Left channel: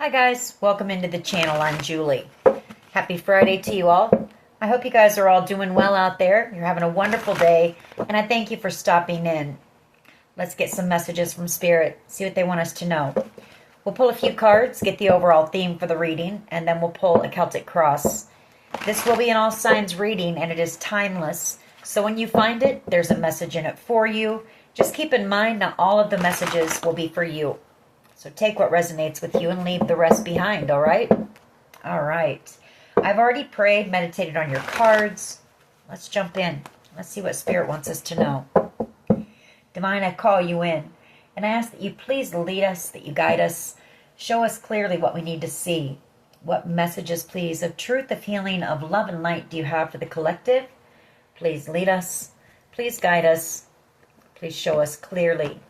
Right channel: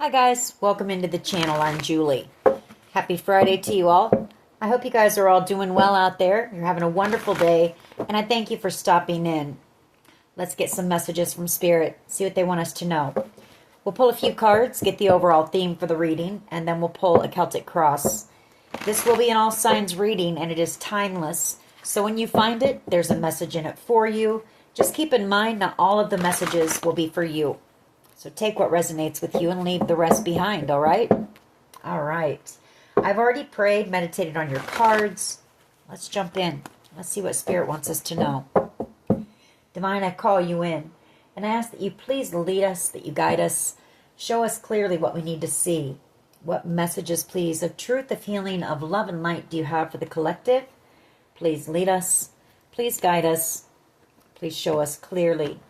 Hi guys, welcome into the channel. I'm Julie. Happy Friday to you all. I hope you guys are all doing well out there. You're having a wonderful day, and I thank you for stopping in. Let's get some messages from Spirit, see what they want us to know. We'll pull a few cards, get the overall theme for the reading, and then we'll pull a Celtic cross. This will be an all signs reading, and it is timeless. So when you find it, there's a message in it for you. Just keep in mind that all of the messages will be for you. So take what resonates with you and leave the rest behind, all right? All right. I've already prayed, meditated on your cards. Let's jump in. Let's see what Spirit wants us to know. Divine, I call you in, and I ask that you please lead us, that you guide us, show us clearly what we need to see. What messages, please, of truth, of healing, of love and light do you have for the collective? Please lead us. Please guide us. Please show us clearly.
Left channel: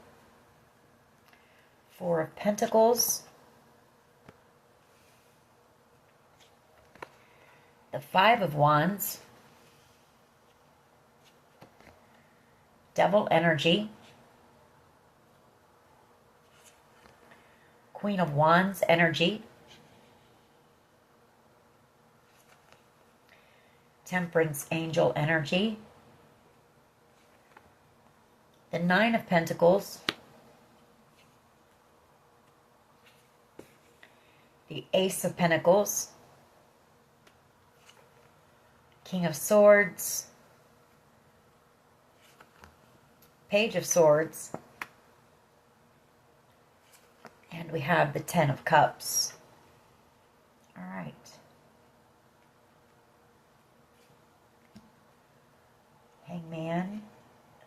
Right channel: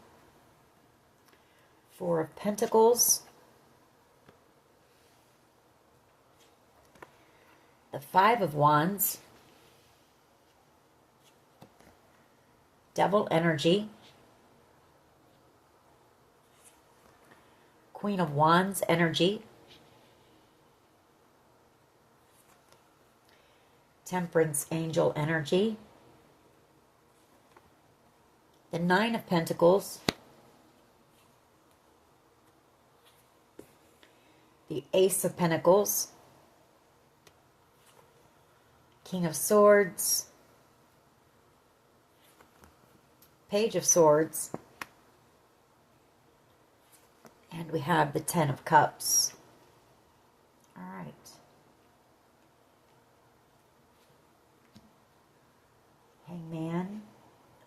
Four of Pentacles, the Five of Wands, Devil energy, Queen of Wands energy, Temperance angel energy, the Nine of Pentacles, the Ace of Pentacles, King of Swords, Page of Swords, and we have the Ten of Cups. All right. Hangman,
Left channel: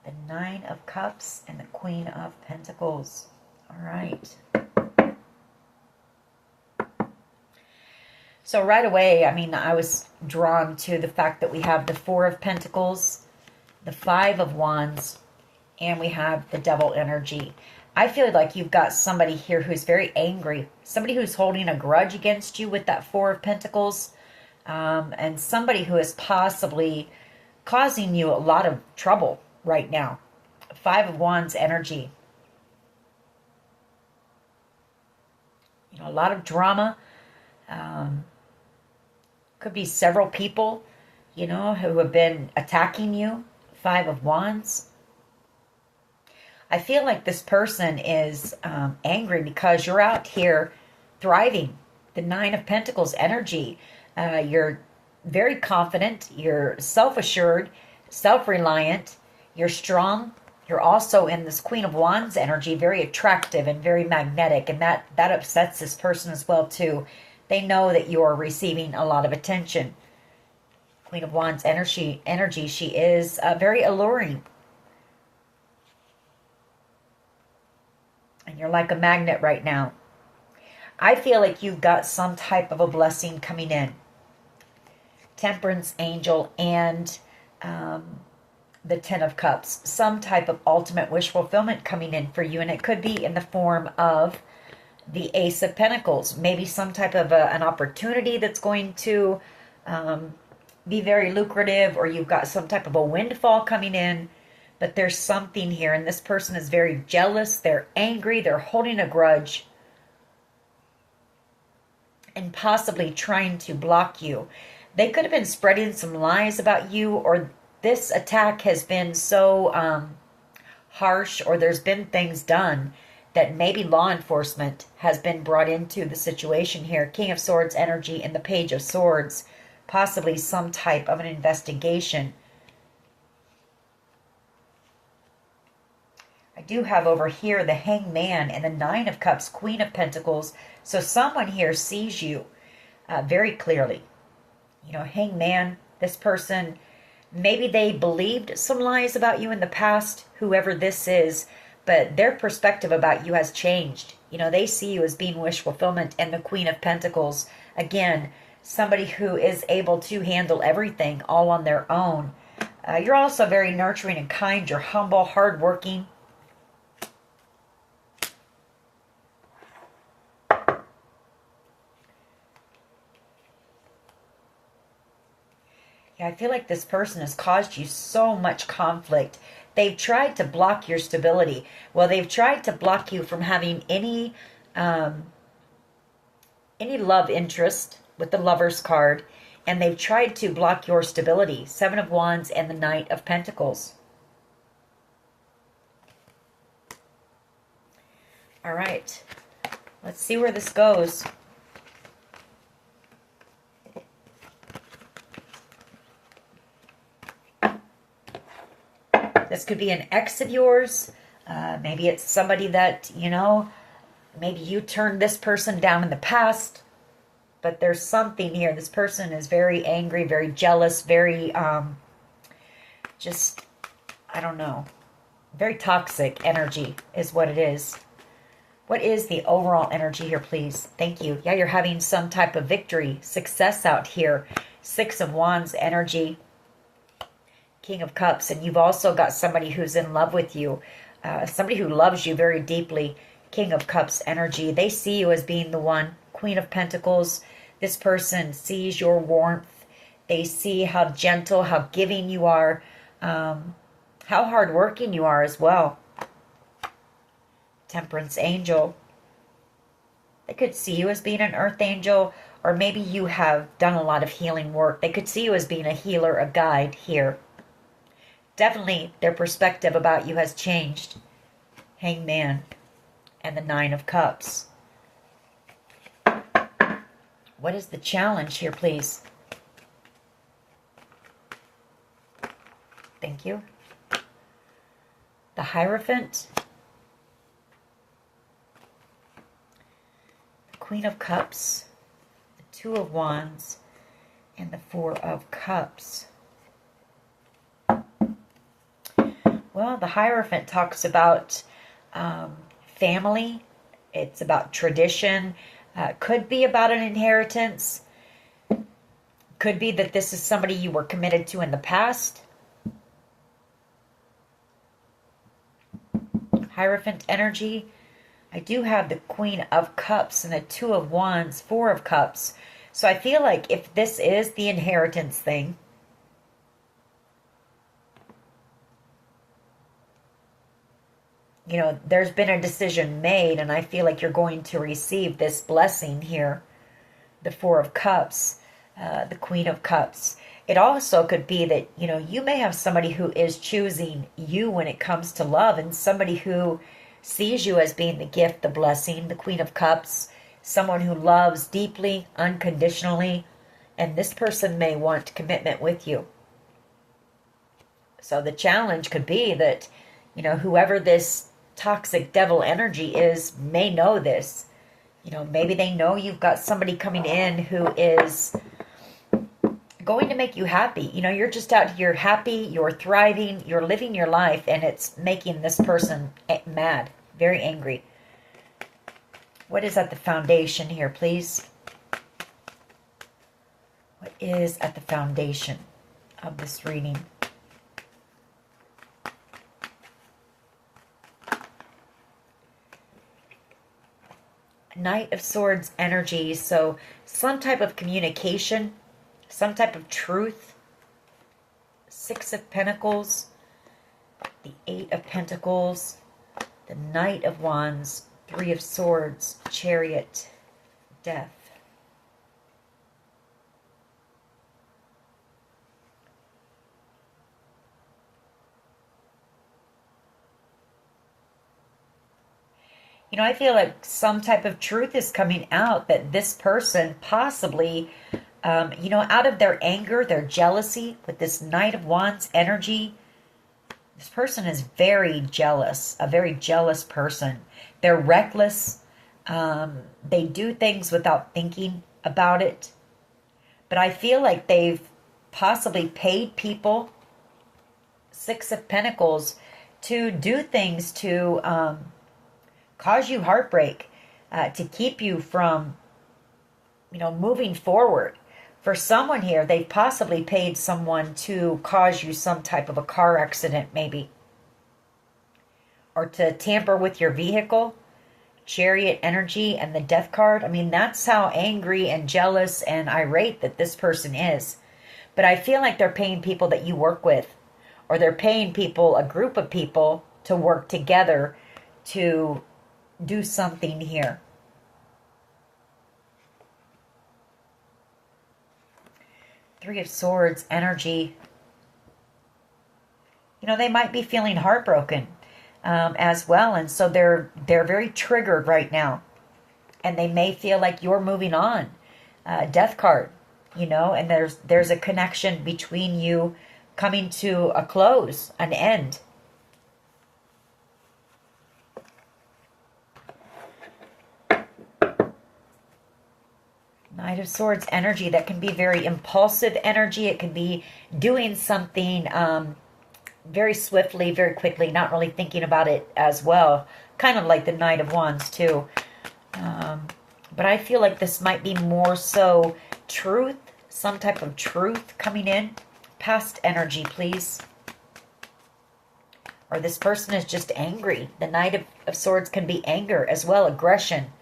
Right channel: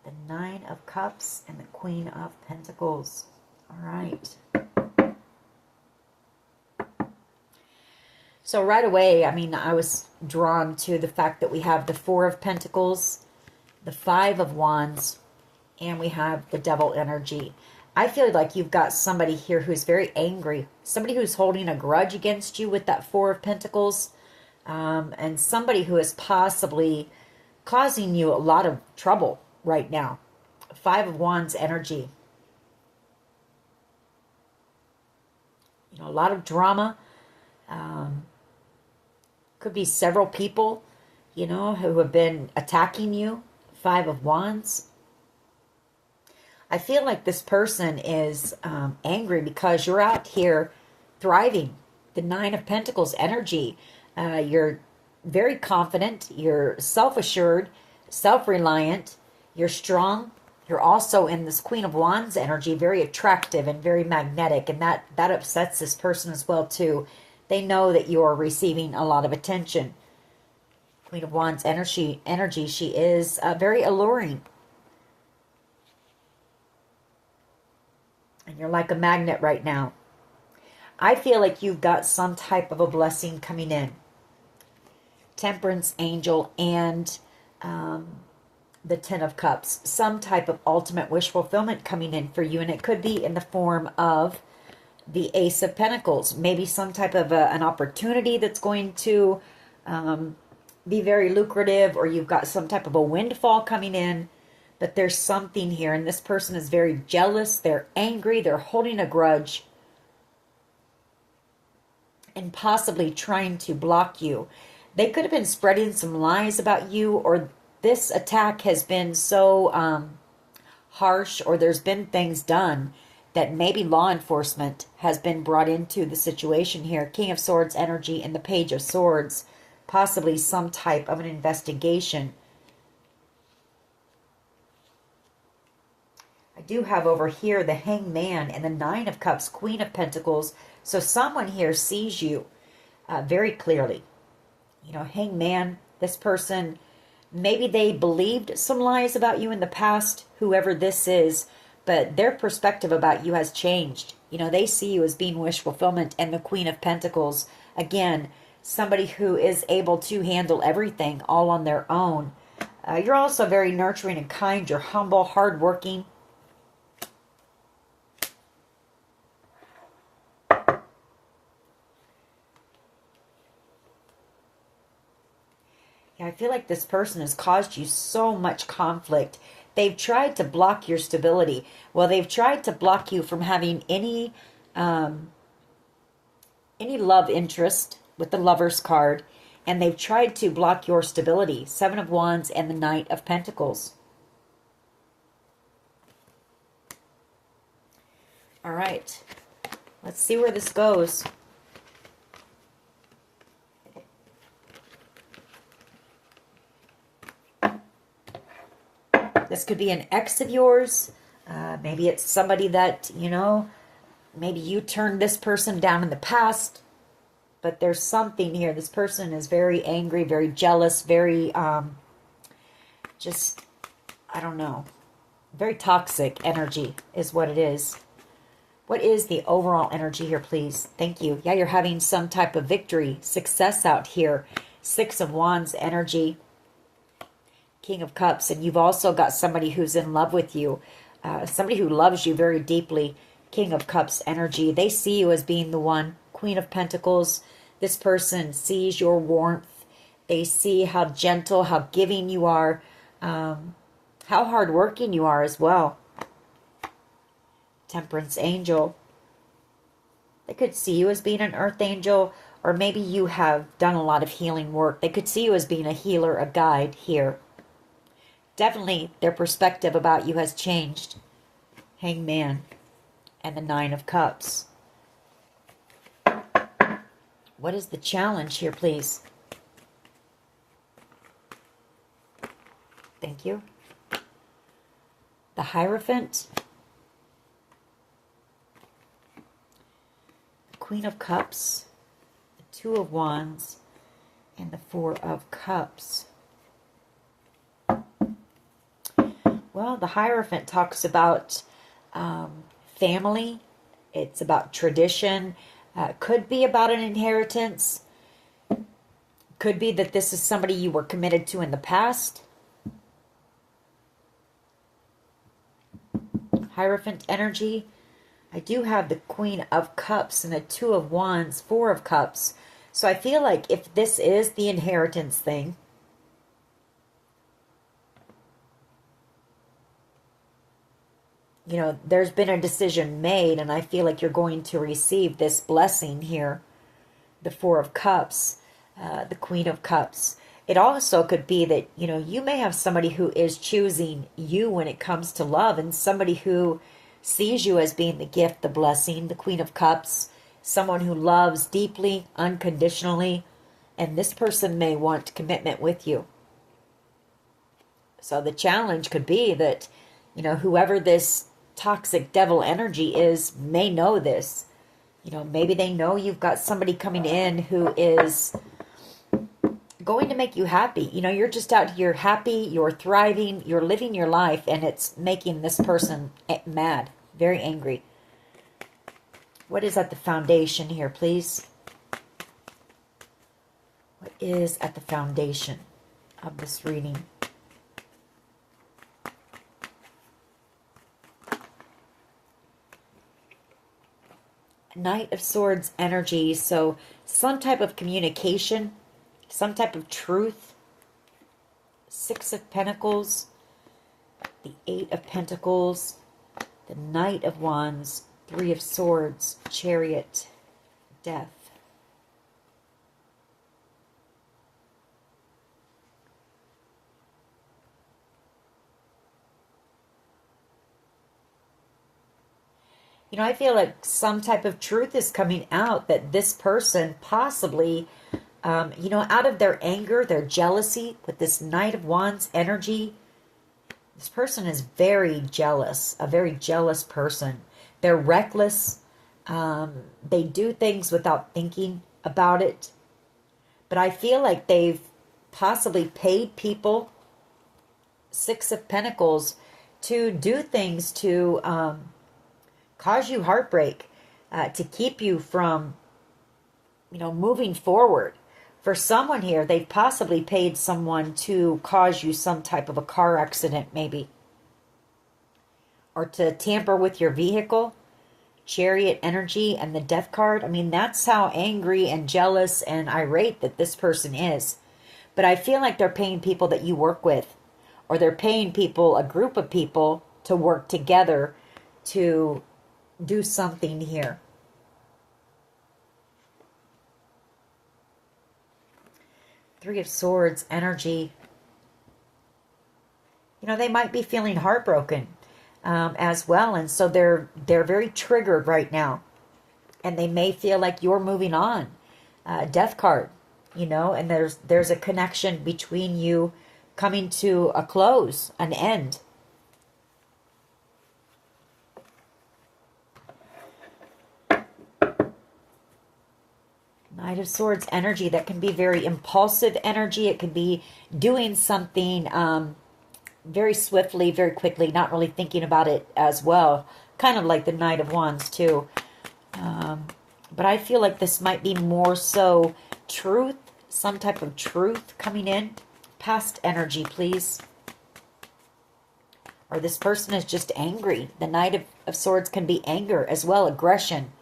the Nine of Cups, and the Queen of Pentacles. All right. So right away, I was drawn to the fact that we have the Four of Pentacles, the Five of Wands, and we have the Devil energy. I feel like you've got somebody here who's very angry, somebody who's holding a grudge against you with that Four of Pentacles, and somebody who is possibly causing you a lot of trouble right now. Five of Wands energy. A lot of drama. Could be several people, who have been attacking you. Five of Wands. I feel like this person is angry because you're out here thriving. The Nine of Pentacles energy. You're very confident. You're self-assured, self-reliant. You're strong. You're also in this Queen of Wands energy, very attractive and very magnetic. And that upsets this person as well, too. They know that you're receiving a lot of attention. Queen of Wands energy, she is very alluring. And you're like a magnet right now. I feel like you've got some type of a blessing coming in. Temperance angel and the Ten of Cups. Some type of ultimate wish fulfillment coming in for you. And it could be in the form of the Ace of Pentacles, maybe some type of an opportunity that's going to be very lucrative, or you've got some type of a windfall coming in, but there's something here, and this person is very jealous, they're angry, they're holding a grudge, and possibly trying to block you. They could have been spreading some lies about you, or this attack has been so harsh, or there's been things done that maybe law enforcement has been brought into the situation here. King of Swords energy and the Page of Swords. Possibly some type of an investigation. I do have over here the Hangman and the Nine of Cups, Queen of Pentacles. So someone here sees you very clearly. Hangman, this person, maybe they believed some lies about you in the past, whoever this is, but their perspective about you has changed. They see you as being wish fulfillment. And the Queen of Pentacles, again, somebody who is able to handle everything all on their own. You're also very nurturing and kind. You're humble, hardworking. Yeah, I feel like this person has caused you so much conflict. They've tried to block your stability. Well, they've tried to block you from having any any love interest with the Lover's card, and they've tried to block your stability. Seven of Wands and the Knight of Pentacles. All right. Let's see where this goes. This could be an ex of yours. Maybe it's somebody that, you know, maybe you turned this person down in the past. But there's something here. This person is very angry, very jealous, very, just, I don't know. Very toxic energy is what it is. What is the overall energy here, please? Thank you. Yeah, you're having some type of victory, success out here. Six of Wands energy. King of Cups, and you've also got somebody who's in love with you, somebody who loves you very deeply. King of Cups energy. They see you as being the one. Queen of Pentacles. This person sees your warmth. They see how gentle, how giving you are, how hardworking you are as well. Temperance angel. They could see you as being an earth angel, or maybe you have done a lot of healing work. They could see you as being a healer, a guide here. Definitely their perspective about you has changed. Hangman and the Nine of Cups. What is the challenge here, please? Thank you. The Hierophant. The Queen of Cups. The Two of Wands. And the Four of Cups. Well, the Hierophant talks about family. It's about tradition. Could be about an inheritance. Could be that this is somebody you were committed to in the past. Hierophant energy. I do have the Queen of Cups and the Two of Wands, Four of Cups. So I feel like if this is the inheritance thing, you know, there's been a decision made, and I feel like you're going to receive this blessing here. The Four of Cups, the Queen of Cups. It also could be that, you know, you may have somebody who is choosing you when it comes to love, and somebody who sees you as being the gift, the blessing, the Queen of Cups, someone who loves deeply, unconditionally, and this person may want commitment with you. So the challenge could be that, you know, whoever this toxic devil energy is may know this. You know, maybe they know you've got somebody coming in who is going to make you happy. You know, you're just out here happy, you're thriving, you're living your life, and it's making this person mad, very angry. What is at the foundation here, please? What is at the foundation of this reading? Knight of Swords energy, so some type of communication, some type of truth. Six of Pentacles, the Eight of Pentacles, the Knight of Wands, Three of Swords, Chariot, Death. You know, I feel like some type of truth is coming out that this person possibly, you know, out of their anger, their jealousy, with this Knight of Wands energy, this person is very jealous, a very jealous person. They're reckless. They do things without thinking about it. But I feel like they've possibly paid people, Six of Pentacles, to do things to cause you heartbreak, to keep you from, you know, moving forward. For someone here, they've possibly paid someone to cause you some type of a car accident, maybe. Or to tamper with your vehicle. Chariot energy and the Death card. I mean, that's how angry and jealous and irate that this person is. But I feel like they're paying people that you work with. Or they're paying people, a group of people, to work together to do something here. Three of Swords energy. You know, they might be feeling heartbroken as well. And so they're very triggered right now. And they may feel like you're moving on. Death card, you know, and there's a connection between you coming to a close, an end. Knight of Swords energy, that can be very impulsive energy. It could be doing something very swiftly, very quickly, not really thinking about it as well. Kind of like the Knight of Wands too. But I feel like this might be more so truth, some type of truth coming in. Past energy, please. Or this person is just angry. The Knight of Swords can be anger as well, aggression.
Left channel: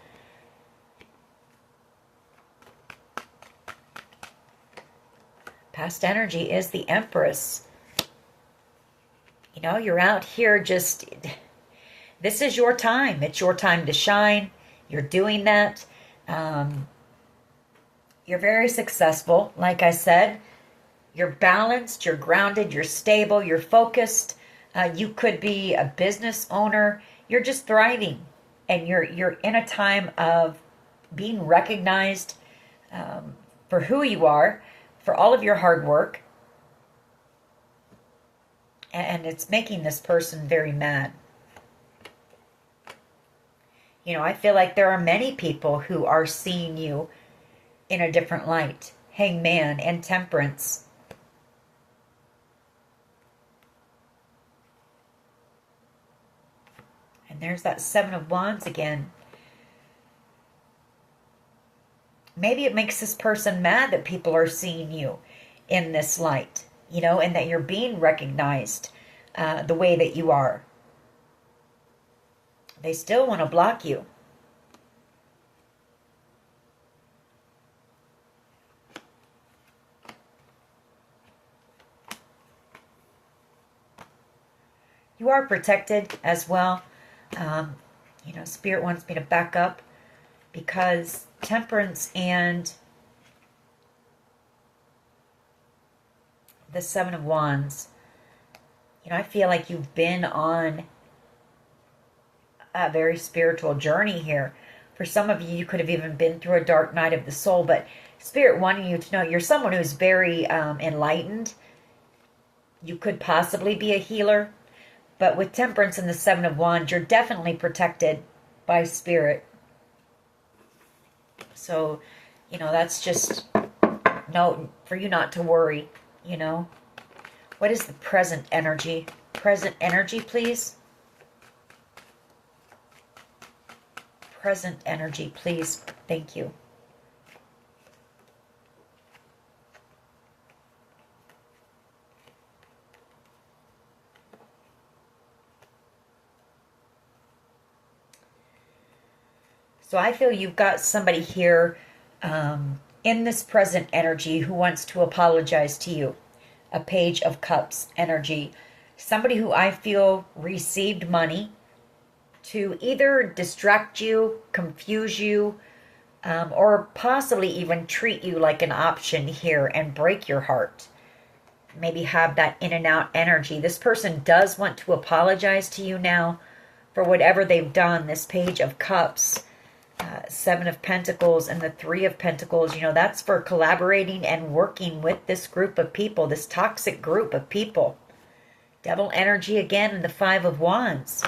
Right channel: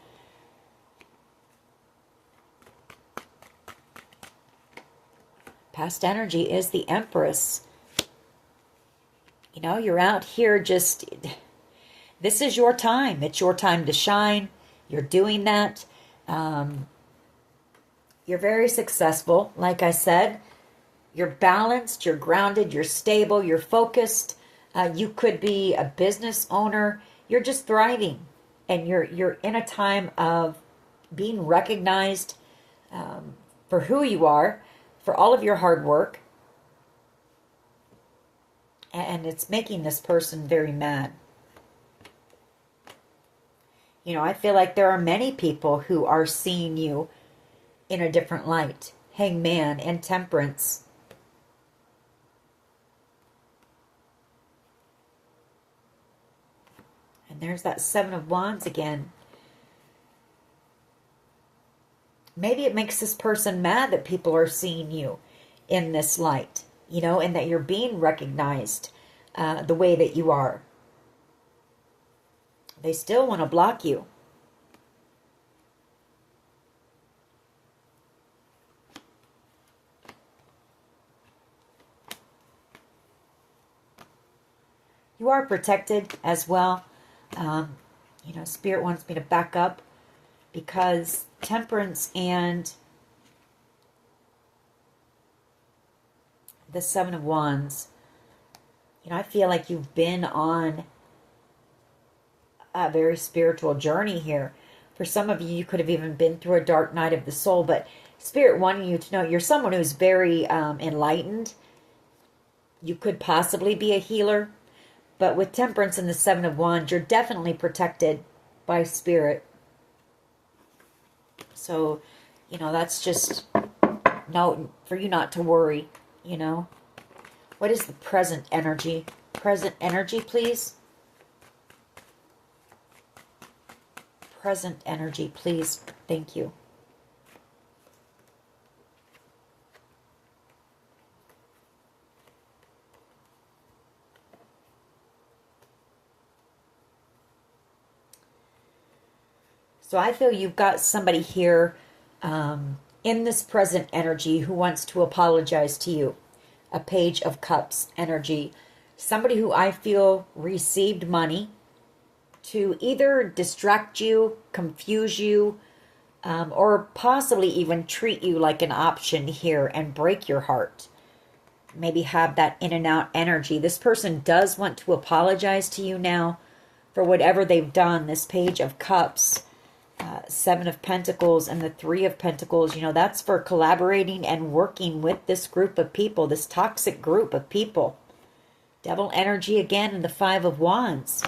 Past energy is the Empress. You know, you're out here just... This is your time. It's your time to shine. You're doing that. You're very successful, like I said. You're balanced, you're grounded, you're stable, you're focused. You could be a business owner. You're just thriving. And you're in a time of being recognized for who you are, for all of your hard work. And it's making this person very mad. You know, I feel like there are many people who are seeing you in a different light. Hangman and Temperance. And there's that Seven of Wands again. Maybe it makes this person mad that people are seeing you in this light, you know, and that you're being recognized the way that you are. They still want to block you. You are protected as well. You know, Spirit wants me to back up because Temperance and the Seven of Wands, you know, I feel like you've been on a very spiritual journey here. For some of you, you could have even been through a dark night of the soul, but Spirit wanting you to know you're someone who's very enlightened. You could possibly be a healer, but with Temperance and the Seven of Wands, you're definitely protected by Spirit. So, you know, that's just no for you not to worry, you know. What is the present energy? Present energy, please. Present energy, please. Thank you. So I feel you've got somebody here in this present energy who wants to apologize to you. A Page of Cups energy. Somebody who I feel received money to either distract you, confuse you, or possibly even treat you like an option here and break your heart. Maybe have that in and out energy. This person does want to apologize to you now for whatever they've done. This Page of Cups, Seven of Pentacles, and the Three of Pentacles, you know, that's for collaborating and working with this group of people, this toxic group of people. Devil energy again, and the Five of Wands.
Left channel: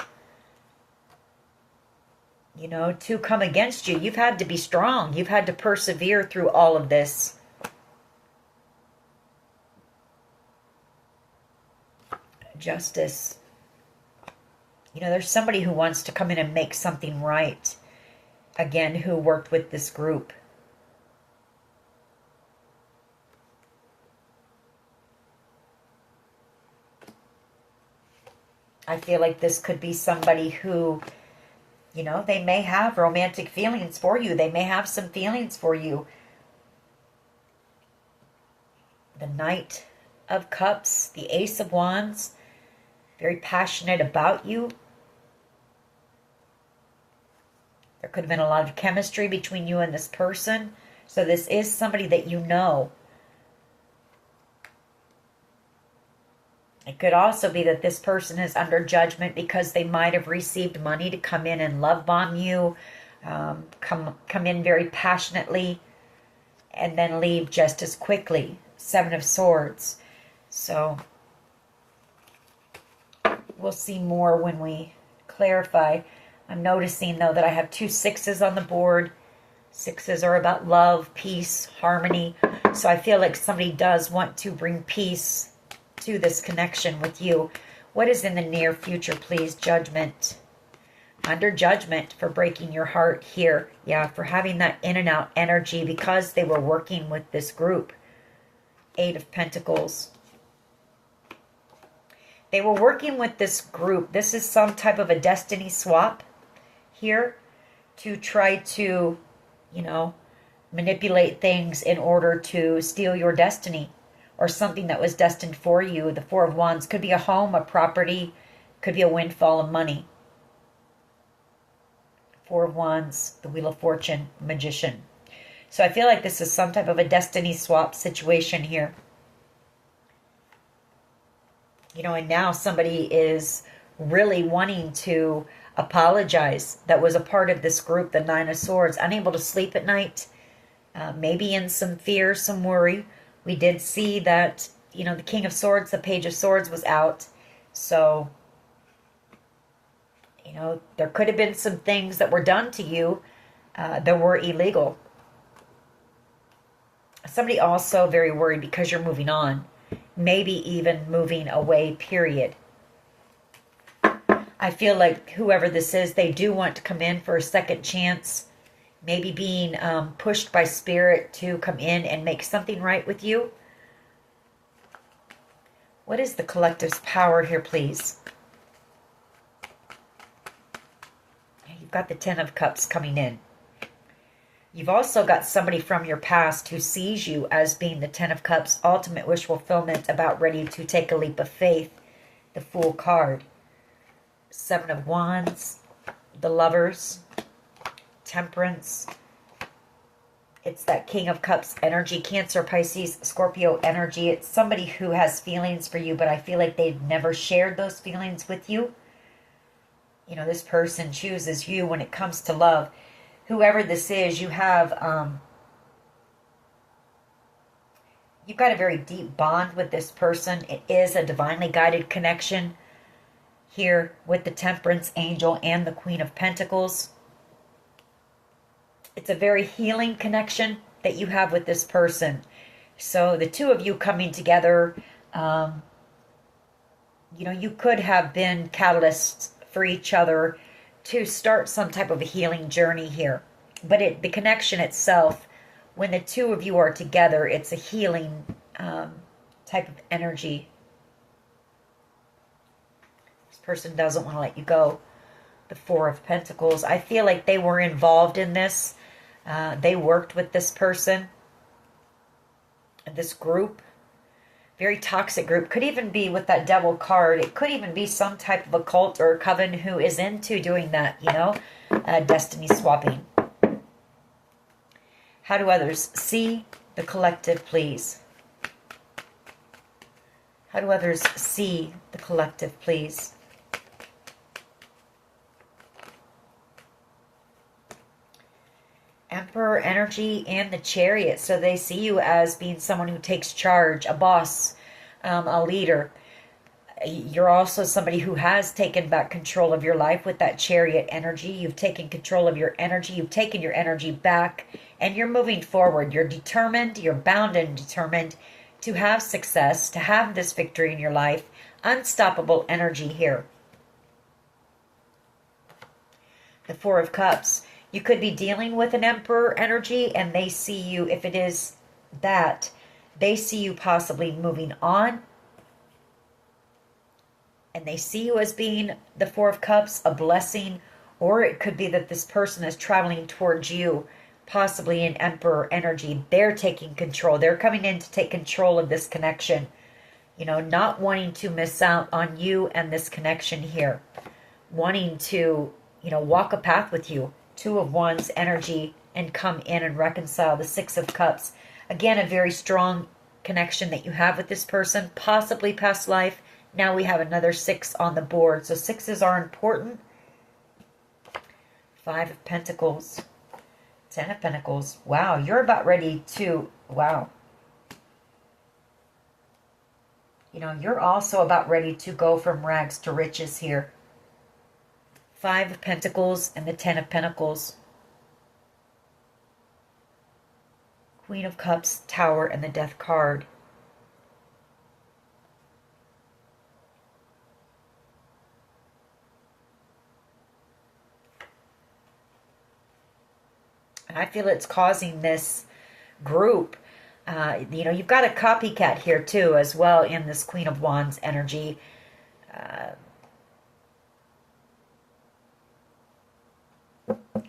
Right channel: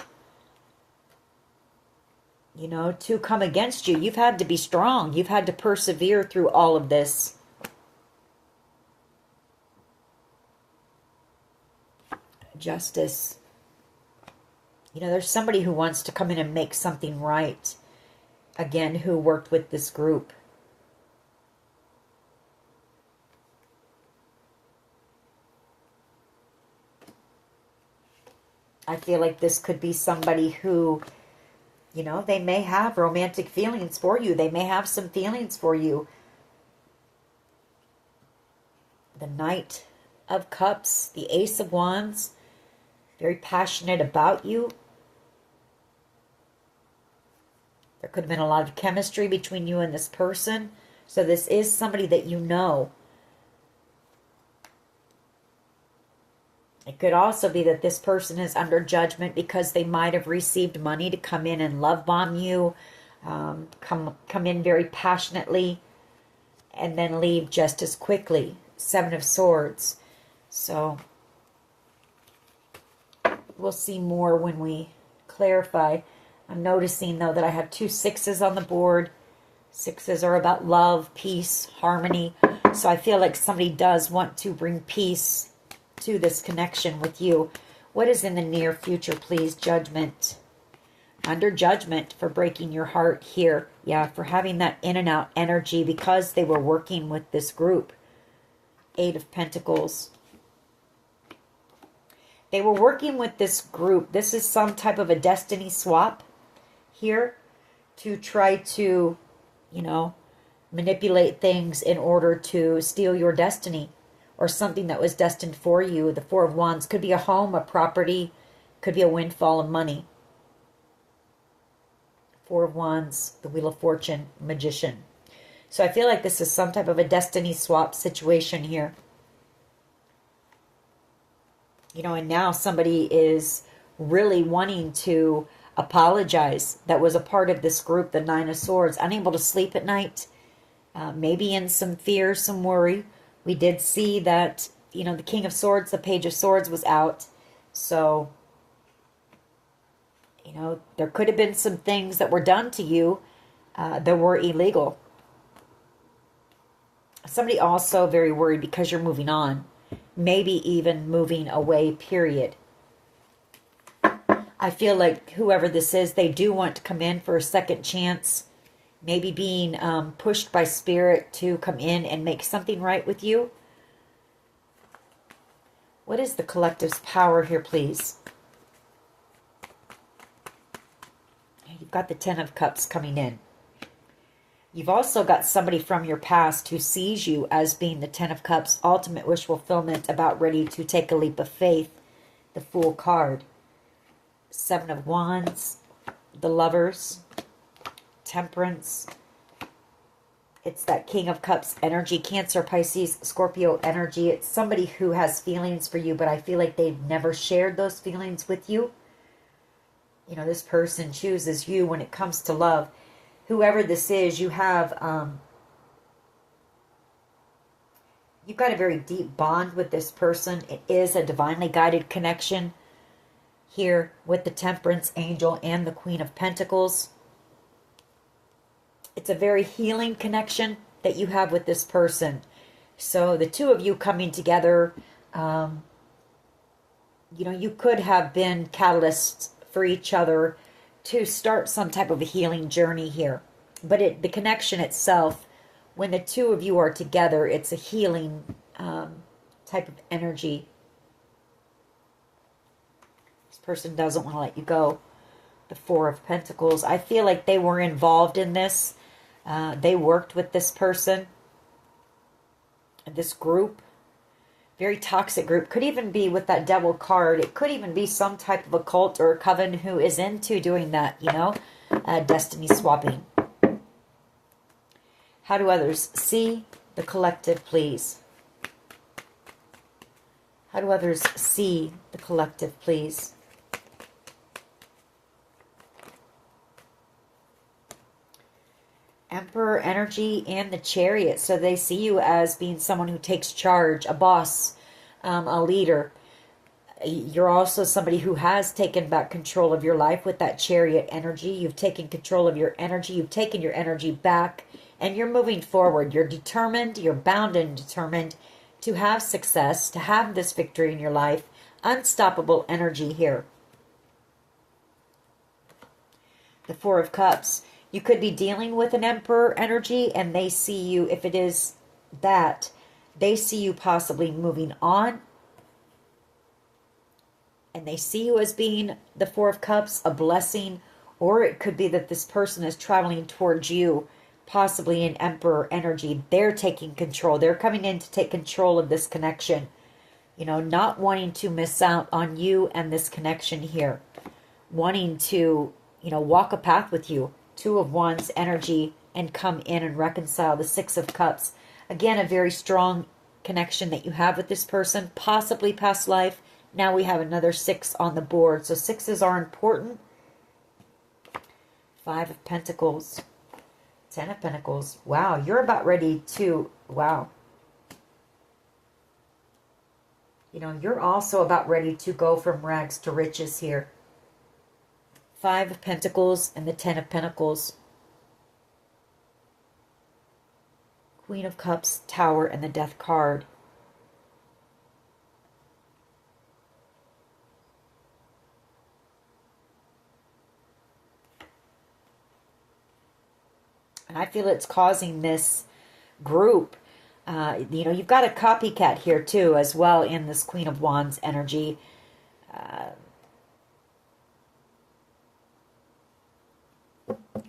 You know, to come against you. You've had to be strong. You've had to persevere through all of this. Justice. You know, there's somebody who wants to come in and make something right. Again, who worked with this group. I feel like this could be somebody who, you know, they may have romantic feelings for you. They may have some feelings for you. The Knight of Cups, the Ace of Wands, very passionate about you. There could have been a lot of chemistry between you and this person. So this is somebody that you know. could also be that this person is under judgment because they might have received money to come in and love bomb you, come in very passionately, and then leave just as quickly. Seven of Swords. So we'll see more when we clarify. I'm noticing, though, that I have 2 6s on the board. 6s are about love, peace, harmony. So I feel like somebody does want to bring peace to this connection with you. What is in the near future, please? Judgment. Under judgment for breaking your heart here. Yeah, for having that in and out energy because they were working with this group. 8 of Pentacles. They were working with this group. This is some type of a destiny swap here to try to, you know, manipulate things in order to steal your destiny or something that was destined for you. The 4 of Wands could be a home, a property, could be a windfall of money. 4 of Wands, the Wheel of Fortune, Magician. So I feel like this is some type of a destiny swap situation here. You know, and now somebody is really wanting to apologize that was a part of this group, the 9 of Swords. Unable to sleep at night, maybe in some fear, some worry. We did see that, you know, the King of Swords, the Page of Swords was out. So, you know, there could have been some things that were done to you that were illegal. Somebody also very worried because you're moving on. Maybe even moving away, period. I feel like whoever this is, they do want to come in for a second chance. Maybe being pushed by spirit to come in and make something right with you. What is the collective's power here, please? You've got the 10 of Cups coming in. You've also got somebody from your past who sees you as being the 10 of Cups, ultimate wish fulfillment, about ready to take a leap of faith. The Fool card. 7 of Wands, the Lovers, Temperance. It's that King of Cups energy, Cancer, Pisces, Scorpio energy. It's somebody who has feelings for you, but I feel like they've never shared those feelings with you. You know, this person chooses you when it comes to love. Whoever this is, you have, you've got a very deep bond with this person. It is a divinely guided connection here with the Temperance angel and the Queen of Pentacles. It's a very healing connection that you have with this person. So the two of you coming together, you know, you could have been catalysts for each other to start some type of a healing journey here. But the connection itself, when the two of you are together, it's a healing type of energy. This person doesn't want to let you go. The 4 of Pentacles. I feel like they were involved in this. They worked with this person. This group. Very toxic group. Could even be with that Devil card. It could even be some type of a cult or a coven who is into doing that, you know. Destiny swapping. How do others see the collective, please? How do others see the collective, please? Emperor energy and the Chariot. So they see you as being someone who takes charge, a boss, a leader. You're also somebody who has taken back control of your life with that Chariot energy. You've taken control of your energy. You've taken your energy back and you're moving forward. You're determined, you're bound and determined to have success, to have this victory in your life. Unstoppable energy here. The 4 of Cups. You could be dealing with an Emperor energy and they see you, if it is that, they see you possibly moving on. And they see you as being the 4 of Cups, a blessing. Or it could be that this person is traveling towards you, possibly in Emperor energy. They're taking control. They're coming in to take control of this connection. You know, not wanting to miss out on you and this connection here. Wanting to, you know, walk a path with you. 2 of Wands energy and come in and reconcile. The 6 of Cups. Again, a very strong connection that you have with this person. Possibly past life. Now we have another 6 on the board. So 6s are important. 5 of Pentacles. 10 of Pentacles. Wow, you're about ready to... Wow. You know, you're also about ready to go from rags to riches here. 5 of Pentacles and the 10 of Pentacles. Queen of Cups, Tower, and the Death card. And I feel it's causing this group, you know, you've got a copycat here too as well in this Queen of Wands energy.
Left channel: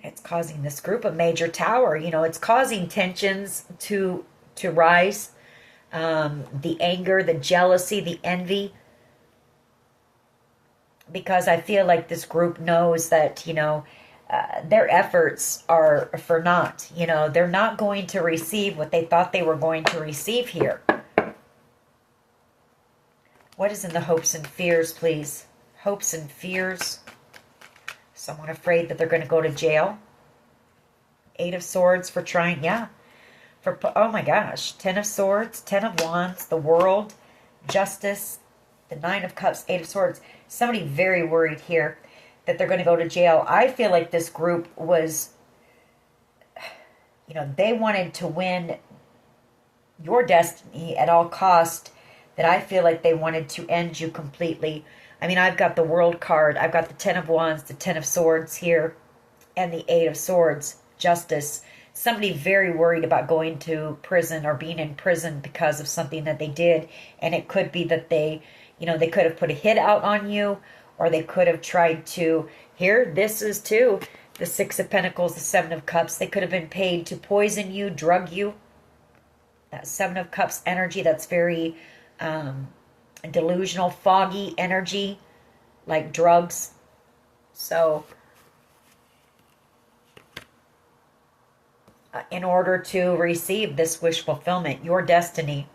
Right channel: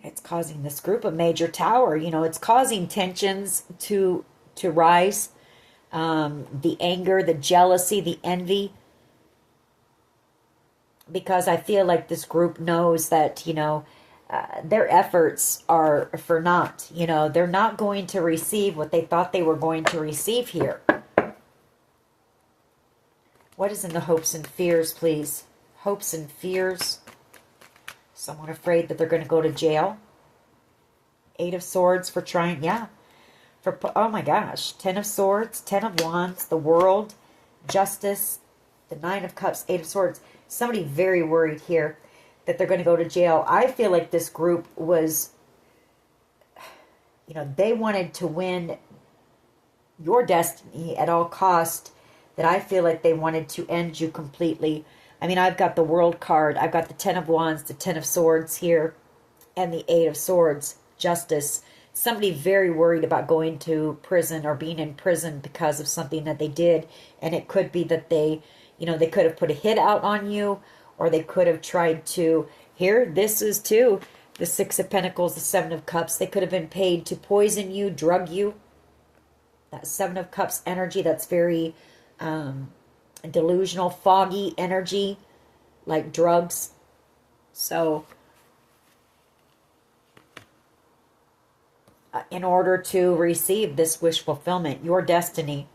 It's causing this group a major tower. You know, it's causing tensions to rise. The anger, the jealousy, the envy. Because I feel like this group knows that, you know, their efforts are for naught. You know, they're not going to receive what they thought they were going to receive here. What is in the hopes and fears, please? Hopes and fears. Someone afraid that they're going to go to jail. 8 of Swords for trying, yeah. For, oh my gosh. 10 of Swords, 10 of Wands, the World, Justice, the 9 of Cups, 8 of Swords. Somebody very worried here that they're going to go to jail. I feel like this group was, you know, they wanted to win your destiny at all cost, that I feel like they wanted to end you completely. I mean, I've got the World card. I've got the 10 of Wands, the 10 of Swords here, and the 8 of Swords, Justice. Somebody very worried about going to prison or being in prison because of something that they did. And it could be that they, you know, they could have put a hit out on you, or they could have tried to, here, this is too, the 6 of Pentacles, the 7 of Cups. They could have been paid to poison you, drug you. That 7 of Cups energy, that's very delusional, foggy energy, like drugs. So, in order to receive this wish fulfillment, your destiny,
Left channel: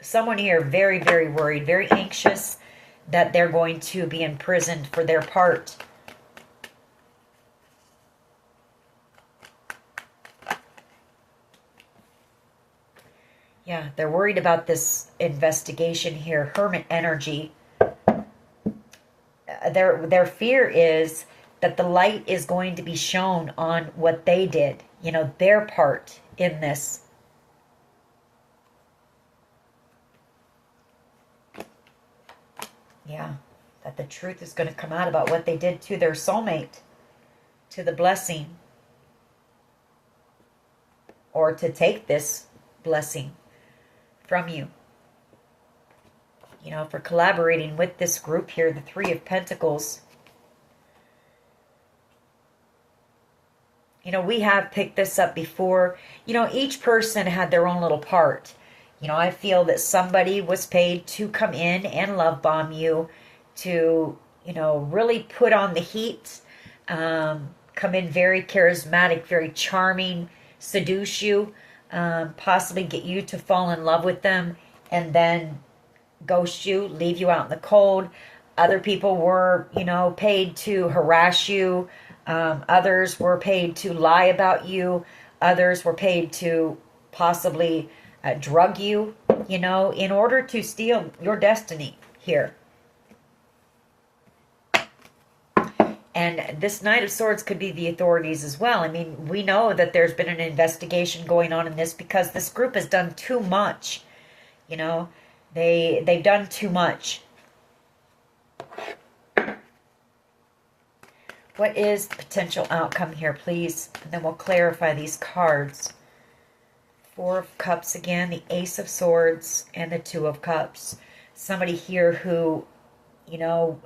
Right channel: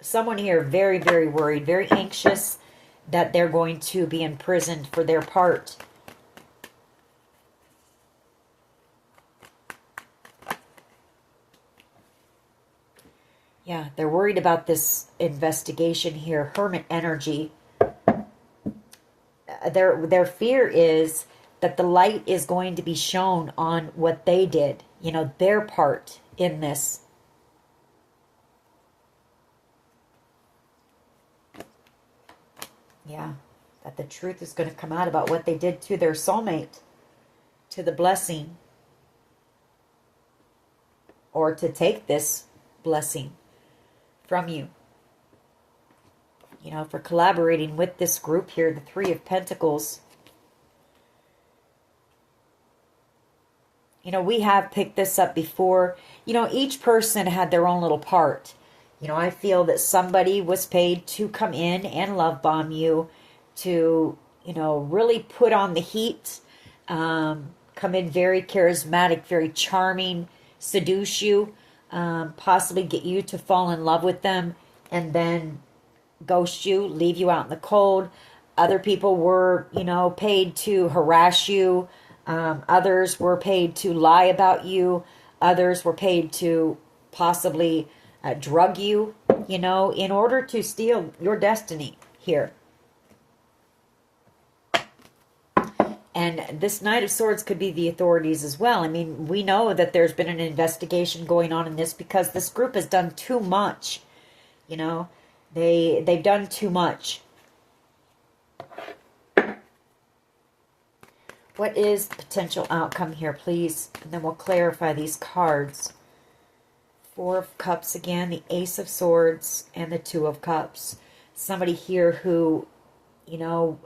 someone here very, very worried, very anxious that they're going to be imprisoned for their part. Yeah, they're worried about this investigation here. Hermit energy. Their fear is that the light is going to be shown on what they did. You know, their part in this. Yeah, that the truth is going to come out about what they did to their soulmate, to the blessing, or to take this blessing from you. You know, for collaborating with this group here, the 3 of Pentacles. You know, we have picked this up before. You know, each person had their own little part. You know, I feel that somebody was paid to come in and love bomb you, to, you know, really put on the heat, come in very charismatic, very charming, seduce you, possibly get you to fall in love with them, and then ghost you, leave you out in the cold. Other people were, you know, paid to harass you. Others were paid to lie about you. Others were paid to possibly drug you, you know, in order to steal your destiny here. And this Knight of Swords could be the authorities as well. I mean, we know that there's been an investigation going on in this because this group has done too much. You know, they've done too much. What is the potential outcome here, please? And then we'll clarify these cards. 4 of Cups again, the Ace of Swords, and the 2 of Cups. Somebody here who, you know,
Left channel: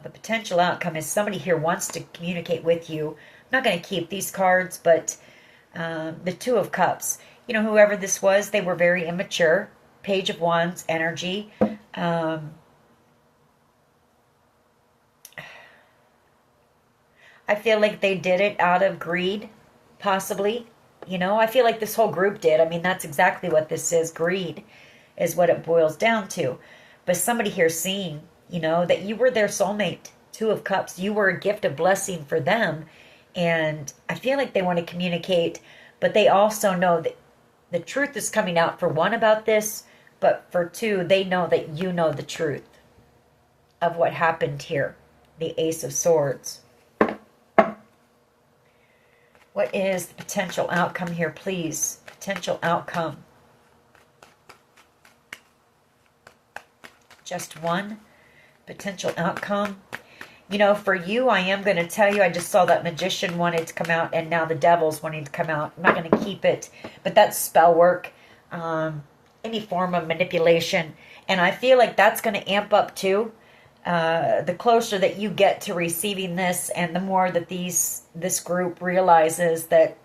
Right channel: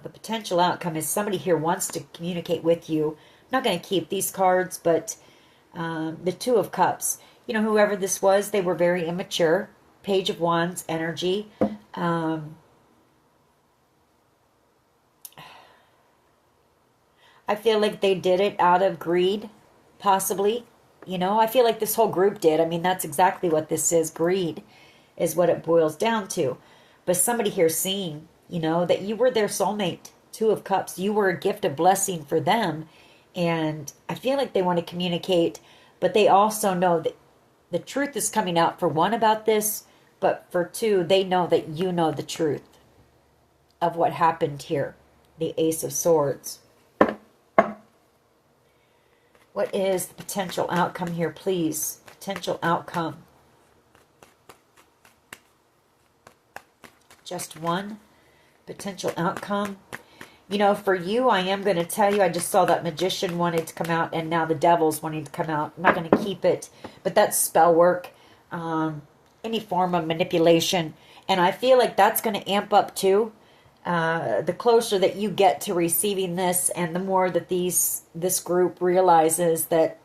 the potential outcome is somebody here wants to communicate with you. I'm not going to keep these cards, but the 2 of Cups. You know, whoever this was, they were very immature. Page of Wands energy. I feel like they did it out of greed, possibly. You know, I feel like this whole group did. I mean, that's exactly what this is, greed. is what it boils down to. But somebody here seeing, that you were their soulmate. Two of Cups. You were a gift, a blessing for them. And I feel like they want to communicate, but they also know that the truth is coming out for one about this, but for two, they know that you know the truth of what happened here. The Ace of Swords. What is the potential outcome here, please? Potential outcome. Just one potential outcome. For you, I am going to tell you, I just saw that Magician wanted to come out, and now the Devil's wanting to come out. I'm not going to keep it, but that's spell work, any form of manipulation, and I feel like that's going to amp up too. The closer that you get to receiving this, and the more that this group realizes that,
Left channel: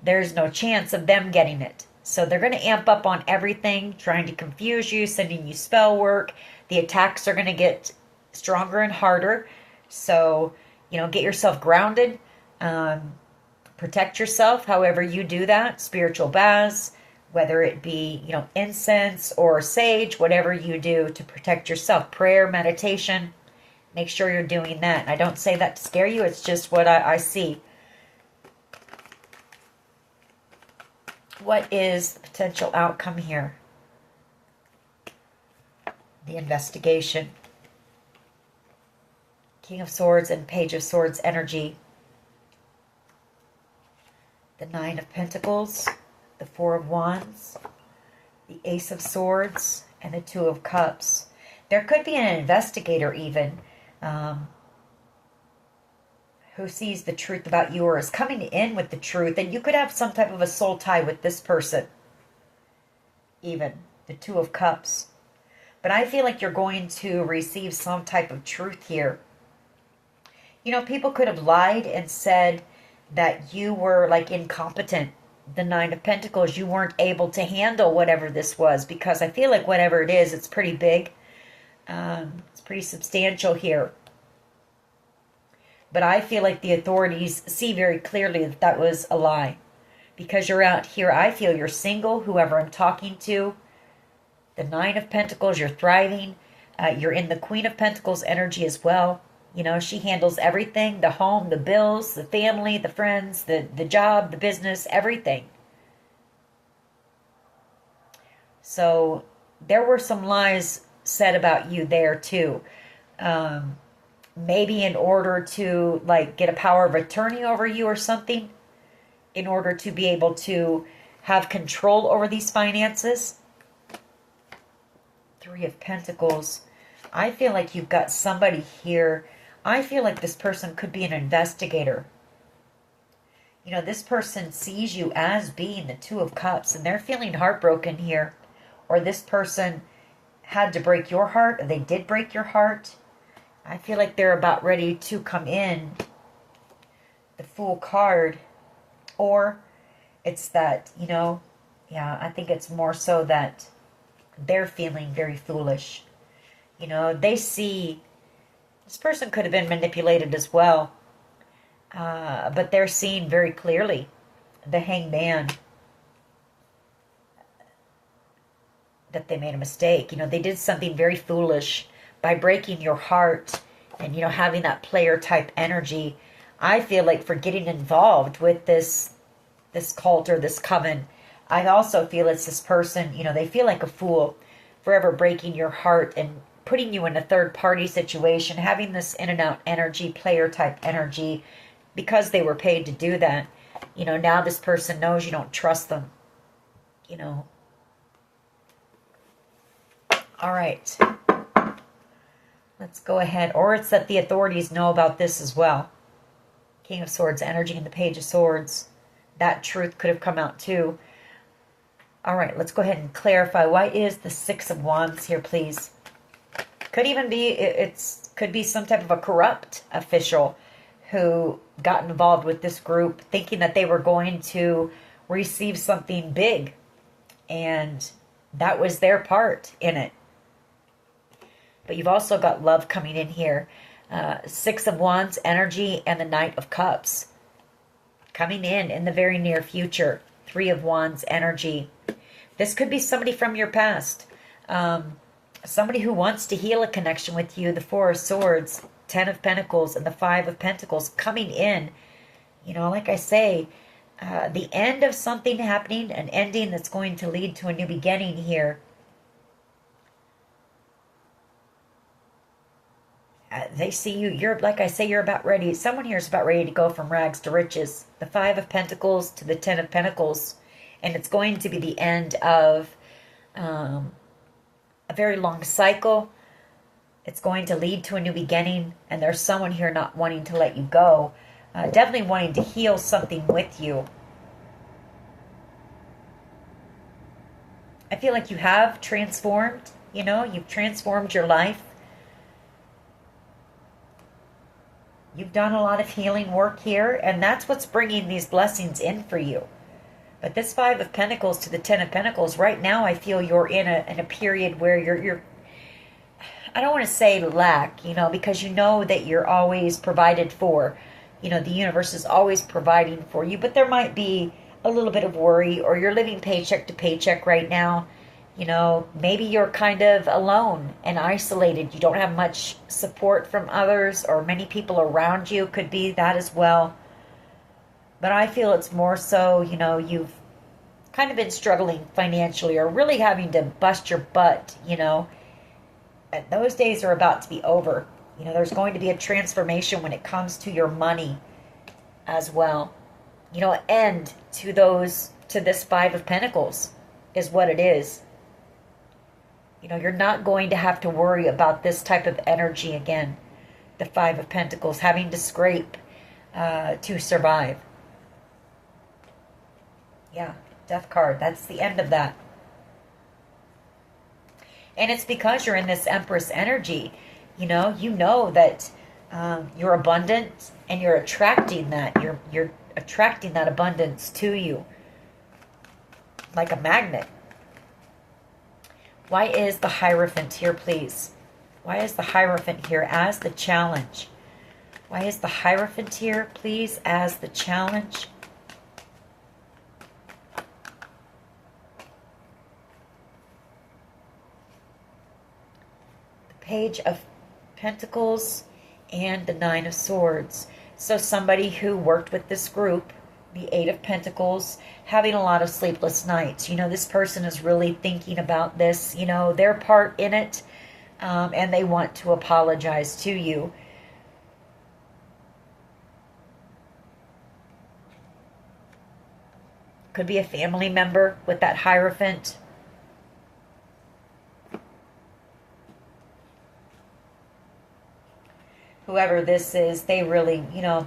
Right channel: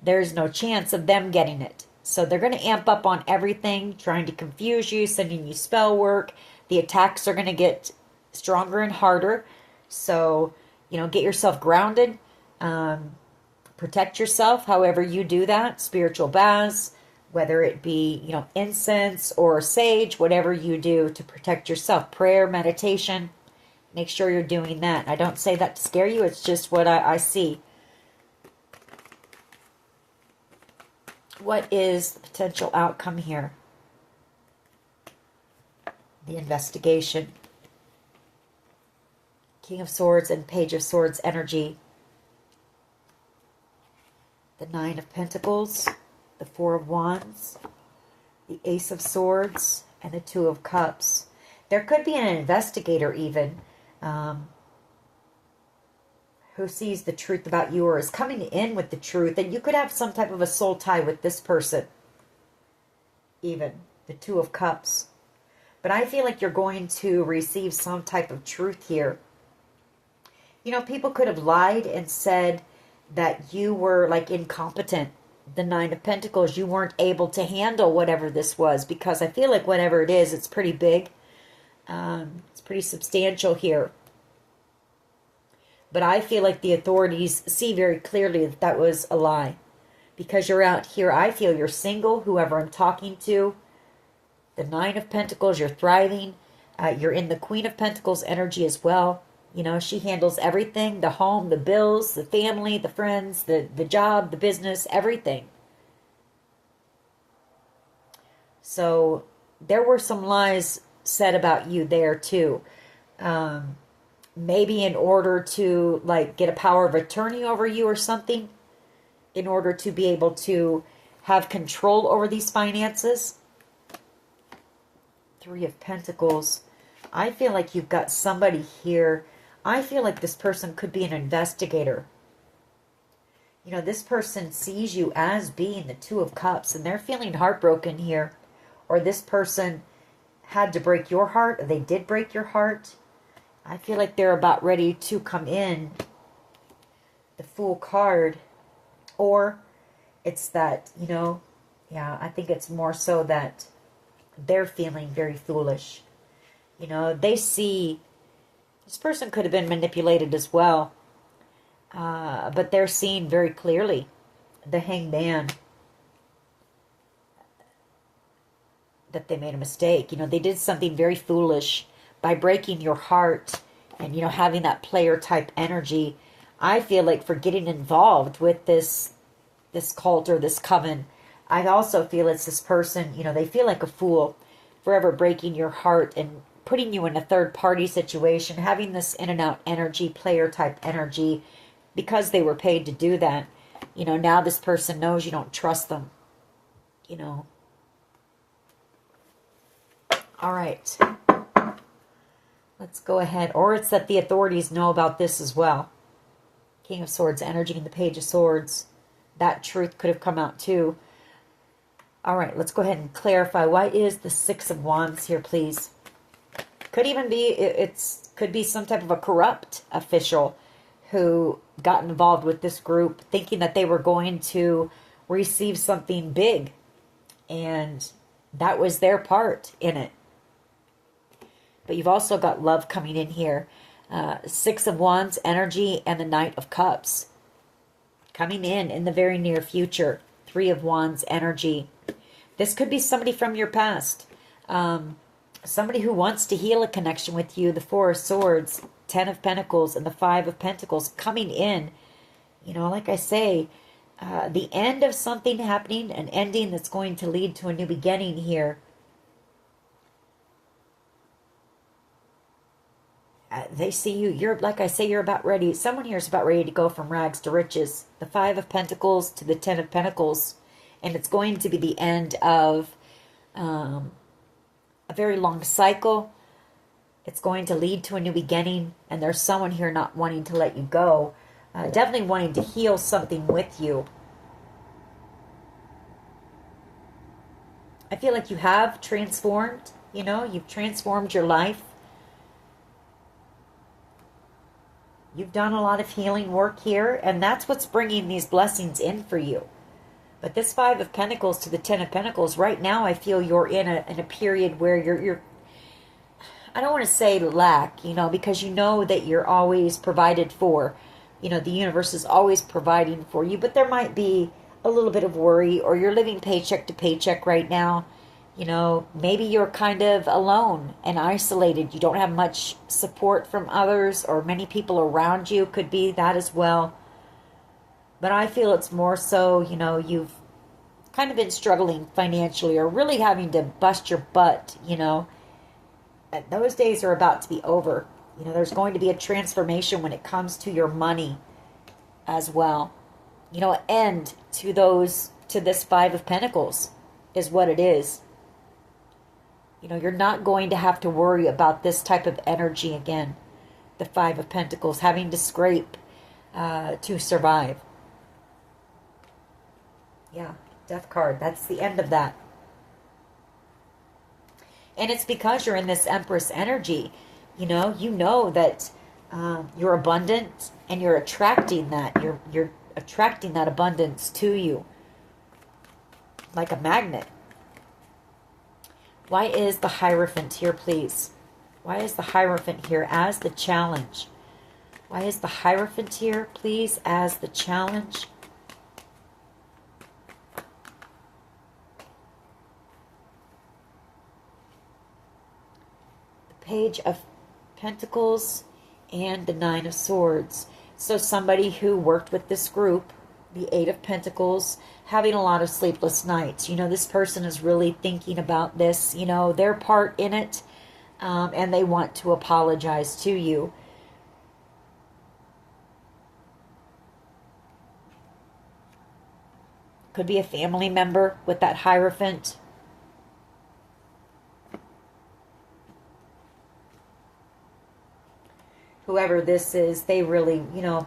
there's no chance of them getting it. So they're going to amp up on everything, trying to confuse you, sending you spell work. The attacks are going to get stronger and harder. So, get yourself grounded. Protect yourself however you do that. Spiritual baths, whether it be, incense or sage, whatever you do to protect yourself. Prayer, meditation, make sure you're doing that. I don't say that to scare you. It's just what I see. What is the potential outcome here? The investigation. King of Swords and Page of Swords energy. The Nine of Pentacles. The Four of Wands. The Ace of Swords. And the Two of Cups. There could be an investigator even. Who sees the truth about you or is coming in with the truth. And you could have some type of a soul tie with this person. Even. The Two of Cups. But I feel like you're going to receive some type of truth here. People could have lied and said that you were like incompetent. The Nine of Pentacles, you weren't able to handle whatever this was. Because I feel like whatever it is, it's pretty big. It's pretty substantial here. But I feel like the authorities see very clearly that that was a lie. Because you're out here, I feel you're single, whoever I'm talking to. The Nine of Pentacles, you're thriving. You're in the Queen of Pentacles energy as well. She handles everything. The home, the bills, the family, the friends, the job, the business, everything. So there were some lies said about you there too. Maybe in order to get a power of attorney over you or something. In order to be able to have control over these finances. Three of Pentacles. I feel like you've got somebody here. I feel like this person could be an investigator. This person sees you as being the Two of Cups, and they're feeling heartbroken here. Or this person had to break your heart, or they did break your heart. I feel like they're about ready to come in. The Fool card. Or it's that, I think it's more so that they're feeling very foolish. They see this person could have been manipulated as well. But they're seeing very clearly the Hangman. That they made a mistake. They did something very foolish by breaking your heart and, having that player type energy. I feel like for getting involved with this cult or this coven, I also feel it's this person, they feel like a fool forever breaking your heart and putting you in a third party situation, having this in and out energy, player type energy, because they were paid to do that. Now this person knows you don't trust them. All right. Let's go ahead. Or it's that the authorities know about this as well. King of Swords energy and the Page of Swords. That truth could have come out too. All right, let's go ahead and clarify. Why is the Six of Wands here, please? Could even be, could be some type of a corrupt official who got involved with this group thinking that they were going to receive something big. And that was their part in it. But you've also got love coming in here. Six of Wands energy and the Knight of Cups coming in the very near future. Three of Wands energy. This could be somebody from your past. Somebody who wants to heal a connection with you. The Four of Swords, Ten of Pentacles, and the Five of Pentacles coming in. You know, like I say, the end of something happening, an ending that's going to lead to a new beginning here. They see you. You're, like I say, you're about ready. Someone here is about ready to go from rags to riches. The Five of Pentacles to the Ten of Pentacles. And it's going to be the end of a very long cycle. It's going to lead to a new beginning. And there's someone here not wanting to let you go. Definitely wanting to heal something with you. I feel like you have transformed. You know, you've transformed your life. You've done a lot of healing work here, and that's what's bringing these blessings in for you. But this Five of Pentacles to the Ten of Pentacles, right now I feel you're in a period where you're I don't want to say lack, you know, because you know that you're always provided for. You know, the universe is always providing for you, but there might be a little bit of worry, or you're living paycheck to paycheck right now. You know, maybe you're kind of alone and isolated. You don't have much support from others, or many people around you. Could be that as well. But I feel it's more so, you know, you've kind of been struggling financially, or really having to bust your butt, you know. And those days are about to be over. You know, there's going to be a transformation when it comes to your money as well. You know, end to this Five of Pentacles is what it is. You know, you're not going to have to worry about this type of energy again. The Five of Pentacles, having to scrape to survive. Yeah, Death card. That's the end of that. And it's because you're in this Empress energy. You know that you're abundant, and you're attracting that. You're attracting that abundance to you like a magnet. Why is the Hierophant here, please? Why is the Hierophant here as the challenge? Why is the Hierophant here, please, as the challenge? The Page of Pentacles and the Nine of Swords. So somebody who worked with this group, the Eight of Pentacles, having a lot of sleepless nights. You know, this person is really thinking about this, you know, their part in it, and they want to apologize to you. Could be a family member with that Hierophant. Whoever this is, they really, you know,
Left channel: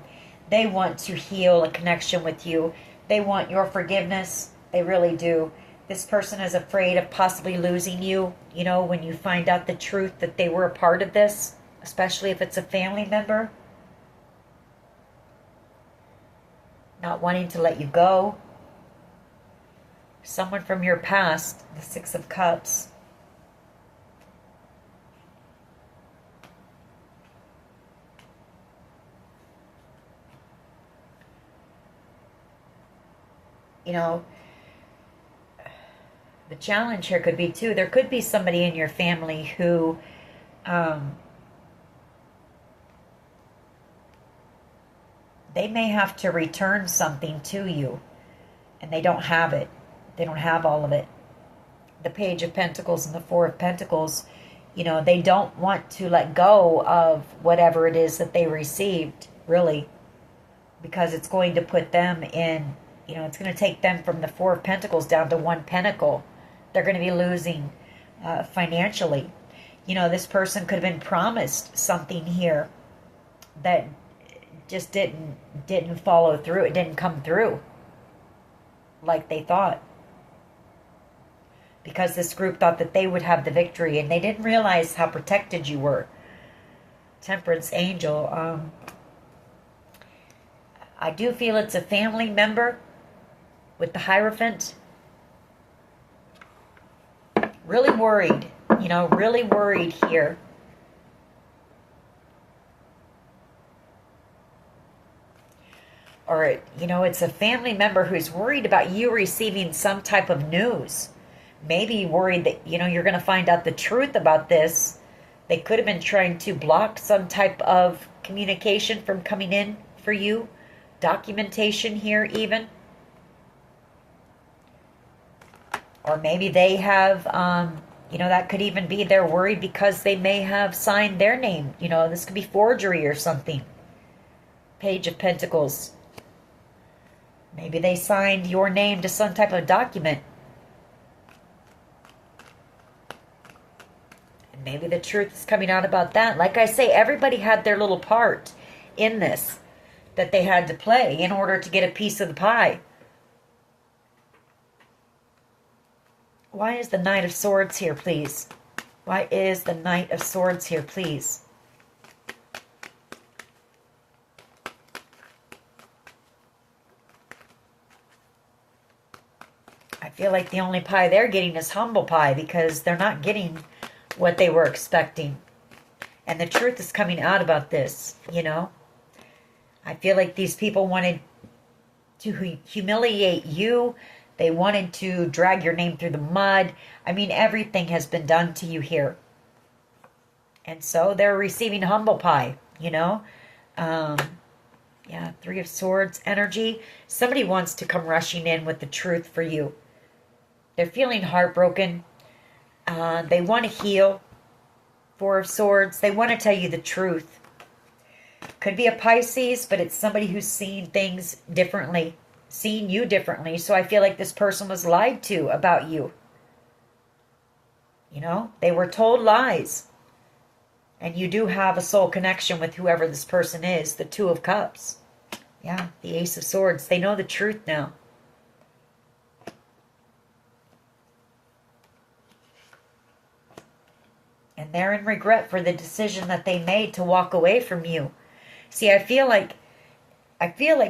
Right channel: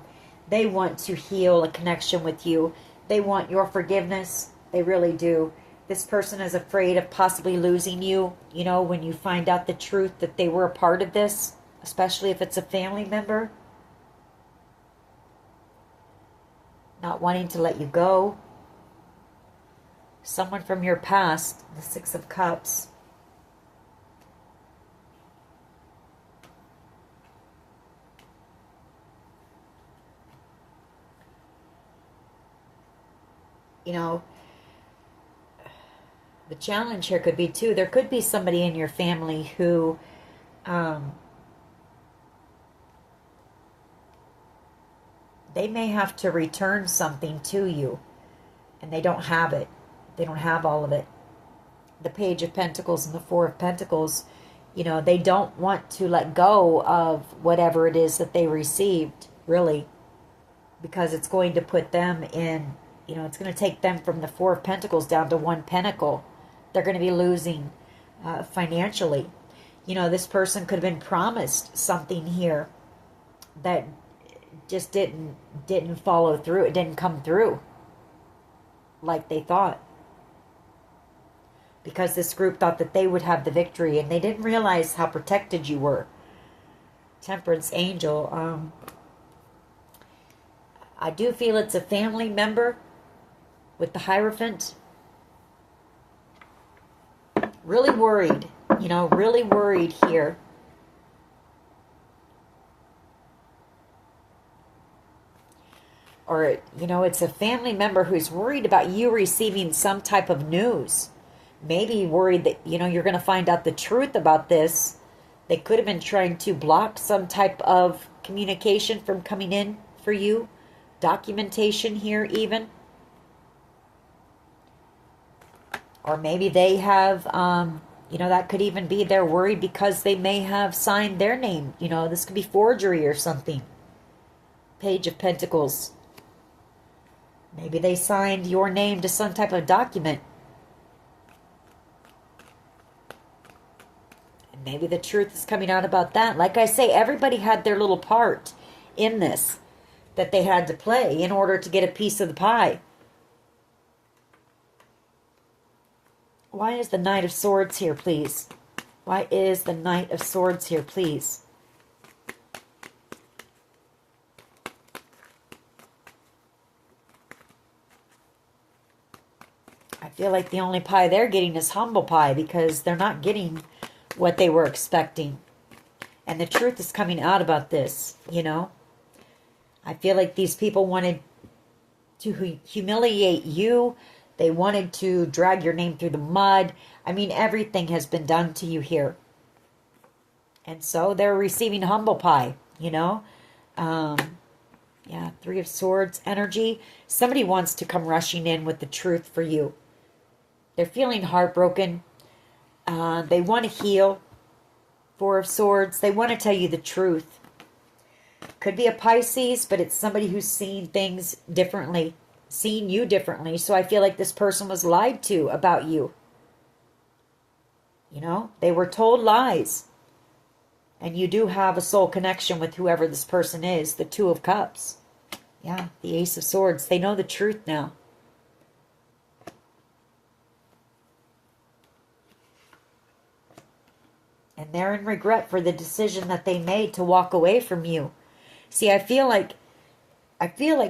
they want to heal a connection with you. They want your forgiveness. They really do. This person is afraid of possibly losing you, you know, when you find out the truth that they were a part of this, especially if it's a family member. Not wanting to let you go. Someone from your past, the Six of Cups. You know, the challenge here could be too, there could be somebody in your family who they may have to return something to you, and they don't have it. They don't have all of it. The Page of Pentacles and the Four of Pentacles, you know, they don't want to let go of whatever it is that they received, really, because it's going to put them in, you know, it's going to take them from the Four of Pentacles down to one pentacle. They're going to be losing financially. You know, this person could have been promised something here that just didn't follow through. It didn't come through like they thought. Because this group thought that they would have the victory, and they didn't realize how protected you were. Temperance Angel. I do feel it's a family member with the Hierophant. Really worried, you know, really worried here. Or, you know, it's a family member who's worried about you receiving some type of news. maybe worried that, you're going to find out the truth about this. They could have been trying to block some type of communication from coming in for you. Documentation here even. Or maybe they have, that could even be they're worried because they may have signed their name. This could be forgery or something. Page of Pentacles. Maybe they signed your name to some type of document. And maybe the truth is coming out about that. Like I say, everybody had their little part in this that they had to play in order to get a piece of the pie. Why is the Knight of Swords here, please? Why is the Knight of Swords here, please? I feel like the only pie they're getting is humble pie because they're not getting what they were expecting. And the truth is coming out about this, I feel like these people wanted to humiliate you. They wanted to drag your name through the mud. I mean, everything has been done to you here. And so they're receiving humble pie, Yeah, Three of Swords energy. Somebody wants to come rushing in with the truth for you. They're feeling heartbroken. They want to heal. Four of Swords. They want to tell you the truth. Could be a Pisces, but it's somebody who's seeing things differently. Seeing you differently. So I feel like this person was lied to about you. They were told lies. And you do have a soul connection with whoever this person is. The Two of Cups. Yeah, the Ace of Swords. They know the truth now. And they're in regret for the decision that they made to walk away from you. See, I feel like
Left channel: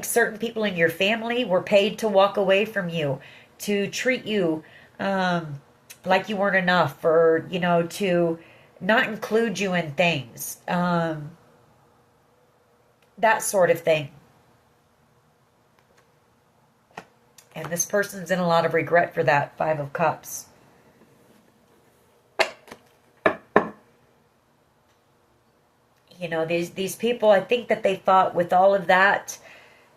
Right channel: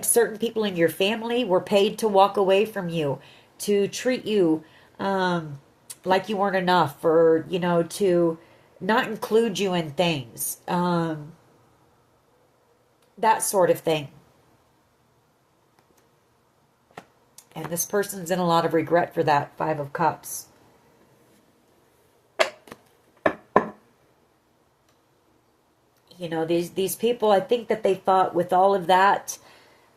certain people in your family were paid to walk away from you, to treat you like you weren't enough, or, to not include you in things. That sort of thing. And this person's in a lot of regret for that. Five of Cups. These people, I think that they thought with all of that,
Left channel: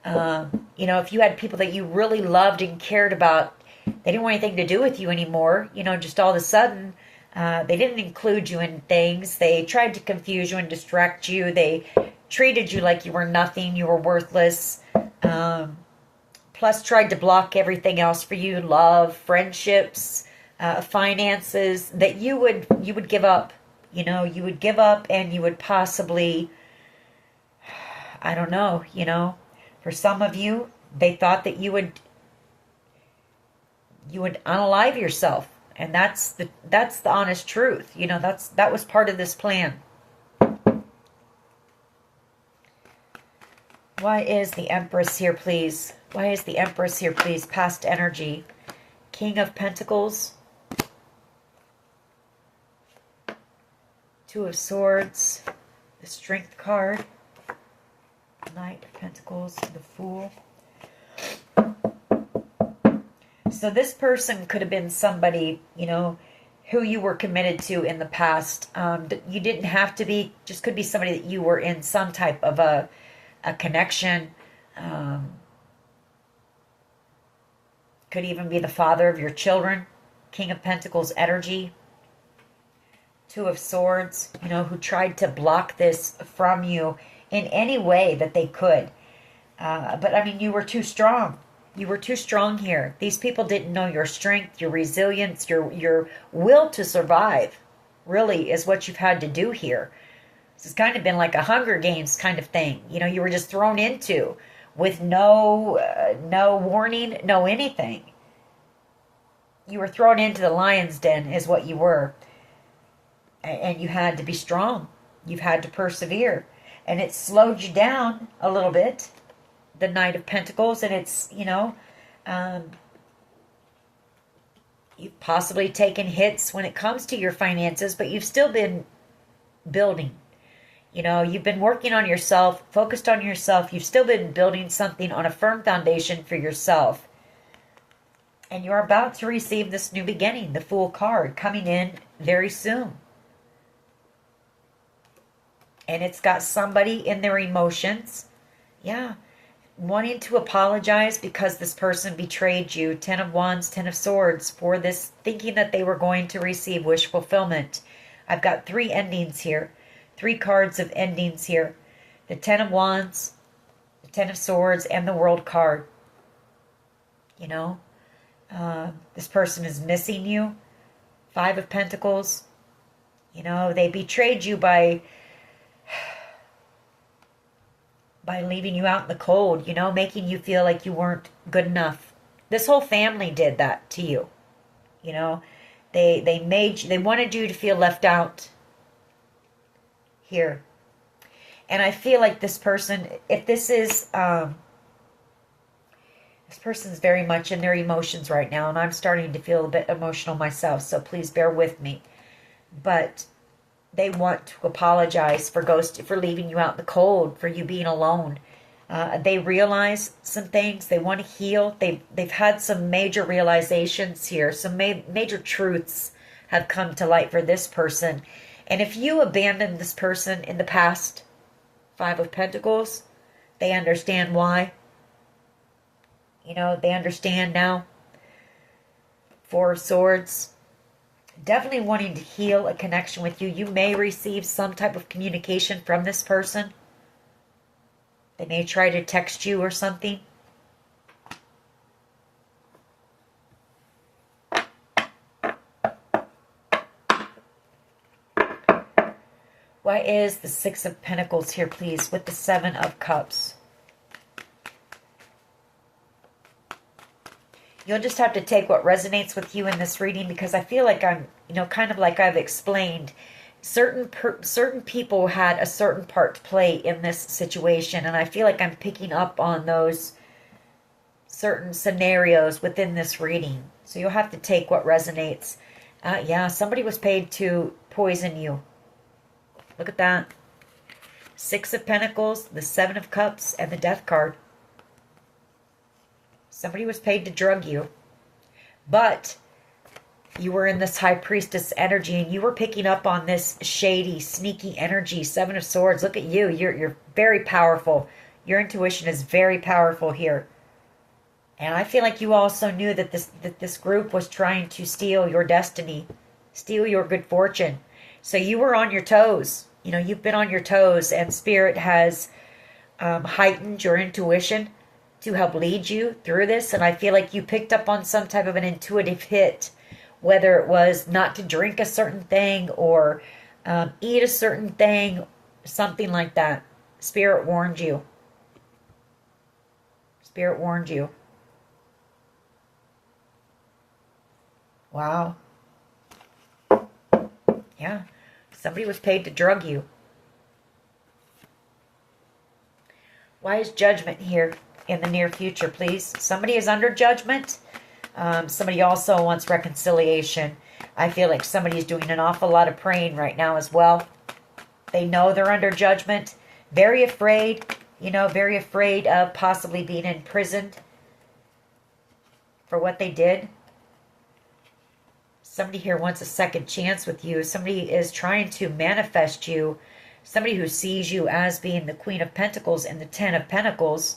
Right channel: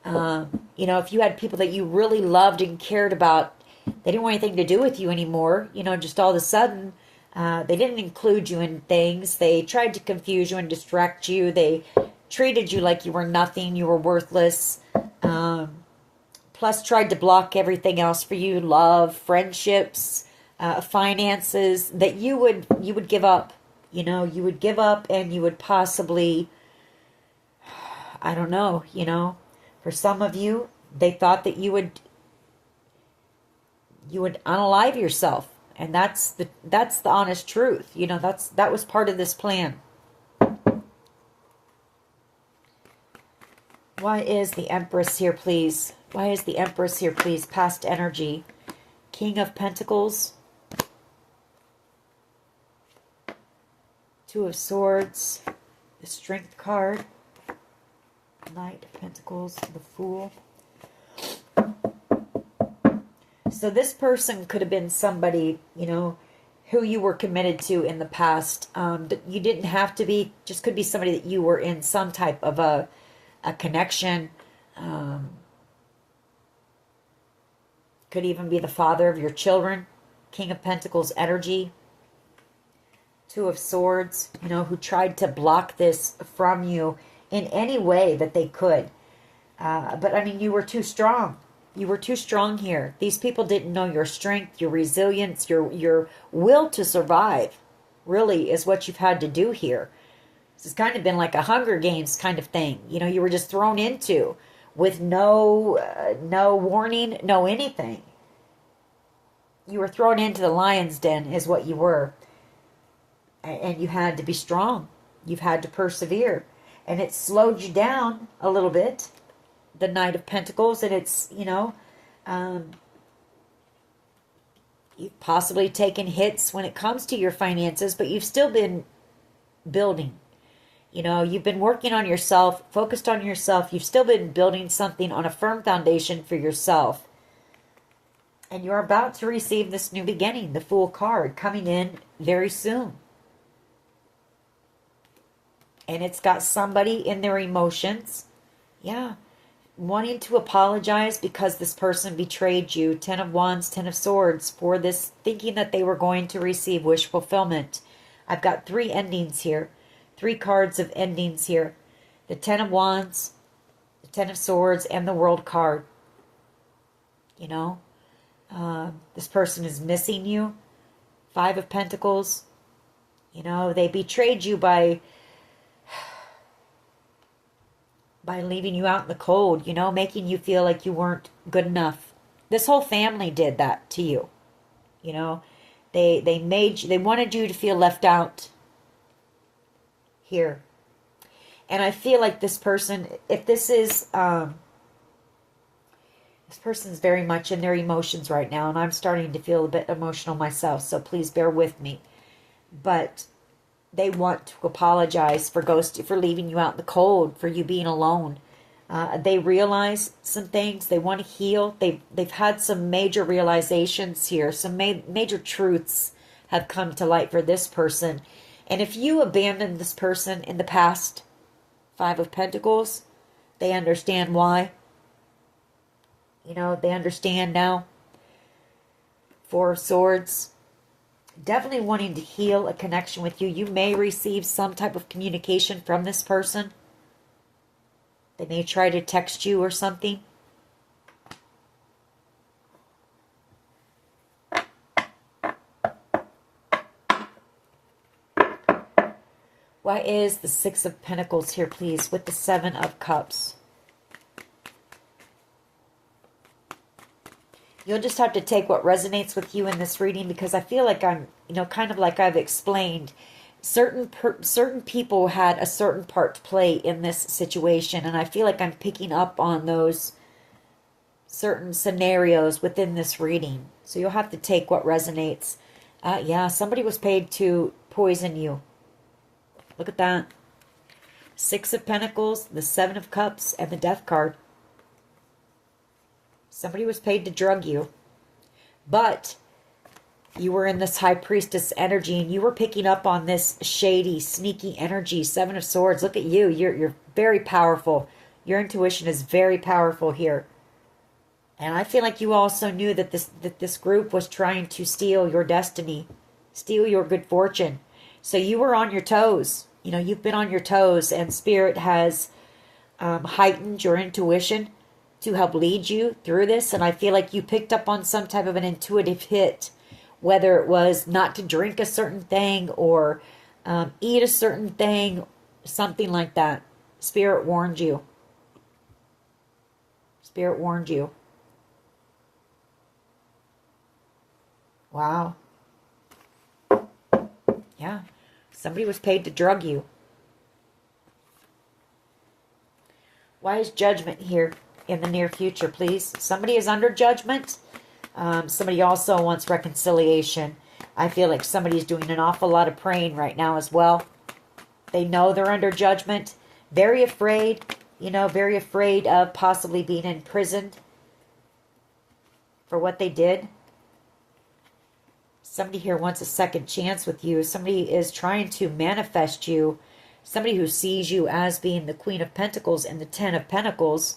if you had people that you really loved and cared about, they didn't want anything to do with you anymore. Just all of a sudden, they didn't include you in things. They tried to confuse you and distract you. They treated you like you were nothing, you were worthless. Plus tried to block everything else for you, love, friendships, finances, that you would give up. You would give up, and you would possibly, I don't know, for some of you, they thought that you would unalive yourself. And that's the honest truth. That was part of this plan. Why is the Empress here, please? Why is the Empress here, please? Past energy. King of Pentacles. Two of Swords. The Strength card. Knight of Pentacles. The Fool. So this person could have been somebody, who you were committed to in the past. You didn't have to be, just could be somebody that you were in some type of a connection. Could even be the father of your children. King of Pentacles energy. Two of Swords, who tried to block this from you in any way that they could. But, I mean, you were too strong. You were too strong here. These people didn't know your strength, your resilience, your will to survive, really, is what you've had to do here. This has kind of been like a Hunger Games kind of thing. You were just thrown into with no warning, no anything. You were thrown into the lion's den is what you were. And you had to be strong. You've had to persevere. And it slowed you down a little bit. The Knight of Pentacles. And it's, you've possibly taken hits when it comes to your finances, but you've still been building. You've been working on yourself, focused on yourself. You've still been building something on a firm foundation for yourself. And you're about to receive this new beginning, the Fool card, coming in very soon. And it's got somebody in their emotions, yeah, wanting to apologize because this person betrayed you. 10 of Wands, 10 of Swords, for this, thinking that they were going to receive wish fulfillment. I've got 3 endings here. 3 cards of endings here. The 10 of Wands, the 10 of Swords, and the World card. You know, this person is missing you. 5 of Pentacles. You know, they betrayed you by leaving you out in the cold, you know, making you feel like you weren't good enough. This whole family did that to you. You know, they wanted you to feel left out here. And I feel like this person, if this is, this person's very much in their emotions right now, and I'm starting to feel a bit emotional myself, so please bear with me. But they want to apologize for leaving you out in the cold, for you being alone. They realize some things. They want to heal. They've had some major realizations here. Some major truths have come to light for this person. And if you abandoned this person in the past, 5 of Pentacles, they understand why. You know, they understand now. 4 of Swords. Definitely wanting to heal a connection with you. You may receive some type of communication from this person. They may try to text you or something. Why is the 6 of Pentacles here, please, with the 7 of Cups? You'll just have to take what resonates with you in this reading, because I feel like I'm, you know, kind of like I've explained, certain people had a certain part to play in this situation, and I feel like I'm picking up on those certain scenarios within this reading. So you'll have to take what resonates. Yeah, somebody was paid to poison you. Look at that. 6 of Pentacles, the 7 of Cups, and the Death card. Somebody was paid to drug you. But you were in this High Priestess energy, and you were picking up on this shady, sneaky energy. 7 of Swords. Look at you. You're very powerful. Your intuition is very powerful here. And I feel like you also knew that this group was trying to steal your destiny, steal your good fortune. So you were on your toes. You know, you've been on your toes, and Spirit has heightened your intuition to help lead you through this. And I feel like you picked up on some type of an intuitive hit, whether it was not to drink a certain thing or eat a certain thing, something like that. Spirit warned you. Spirit warned you. Wow. Yeah. Somebody was paid to drug you. Why is Judgment here in the near future, please? Somebody is under judgment. Somebody also wants reconciliation. I feel like somebody's doing an awful lot of praying right now as well. They know they're under judgment. Very afraid, you know, very afraid of possibly being imprisoned for what they did. Somebody here wants a second chance with you. Somebody is trying to manifest you. Somebody who sees you as being the Queen of Pentacles and the 10 of Pentacles.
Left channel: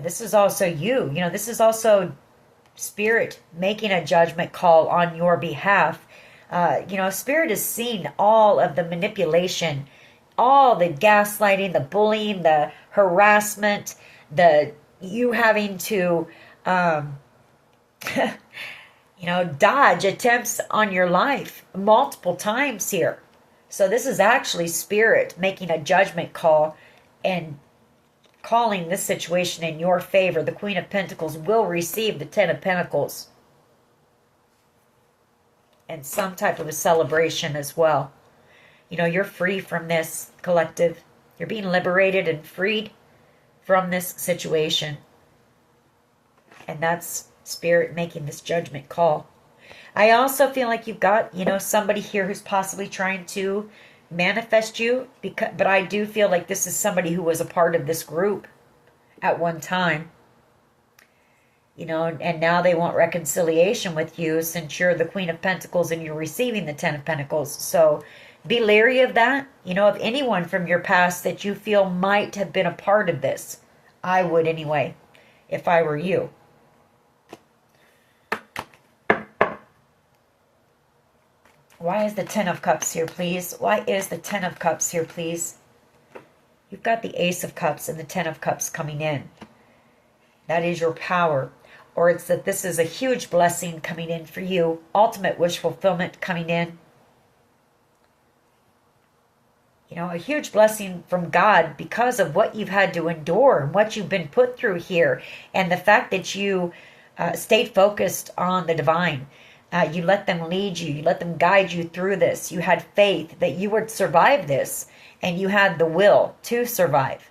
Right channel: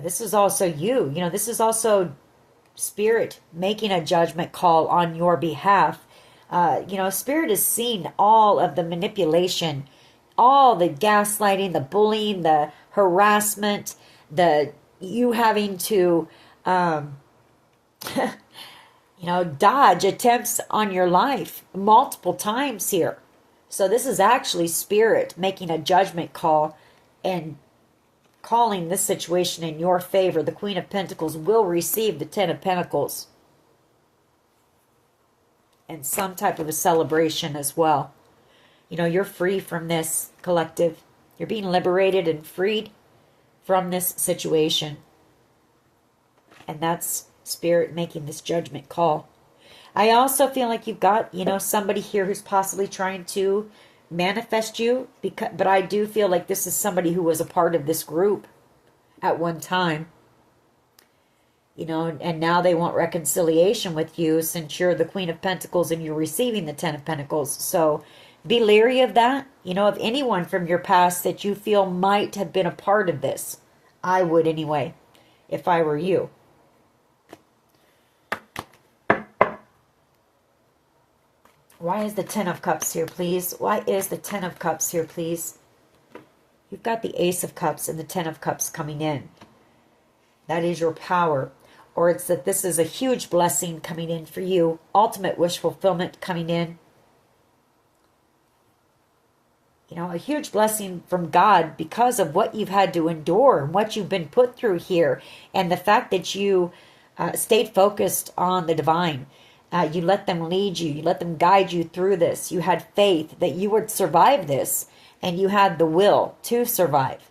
This is also you. You know, this is also Spirit making a judgment call on your behalf. You know, Spirit has seen all of the manipulation, all the gaslighting, the bullying, the harassment, you having to, you know, dodge attempts on your life multiple times here. So this is actually Spirit making a judgment call and calling this situation in your favor. The Queen of Pentacles will receive the 10 of Pentacles. And some type of a celebration as well. You know, you're free from this, collective. You're being liberated and freed from this situation. And that's Spirit making this judgment call. I also feel like you've got, you know, somebody here who's possibly trying to manifest you, but I do feel like this is somebody who was a part of this group at one time. You know, and now they want reconciliation with you since you're the Queen of Pentacles and you're receiving the Ten of Pentacles. So be leery of that. You know, of anyone from your past that you feel might have been a part of this. I would anyway, if I were you. Why is the Ten of Cups here, please? Why is the Ten of Cups here, please? You've got the Ace of Cups and the Ten of Cups coming in. That is your power. Or it's that this is a huge blessing coming in for you. Ultimate wish fulfillment coming in. You know, a huge blessing from God because of what you've had to endure and what you've been put through here. And the fact that you stayed focused on the divine. You let them lead you. You let them guide you through this. You had faith that you would survive this. And you had the will to survive.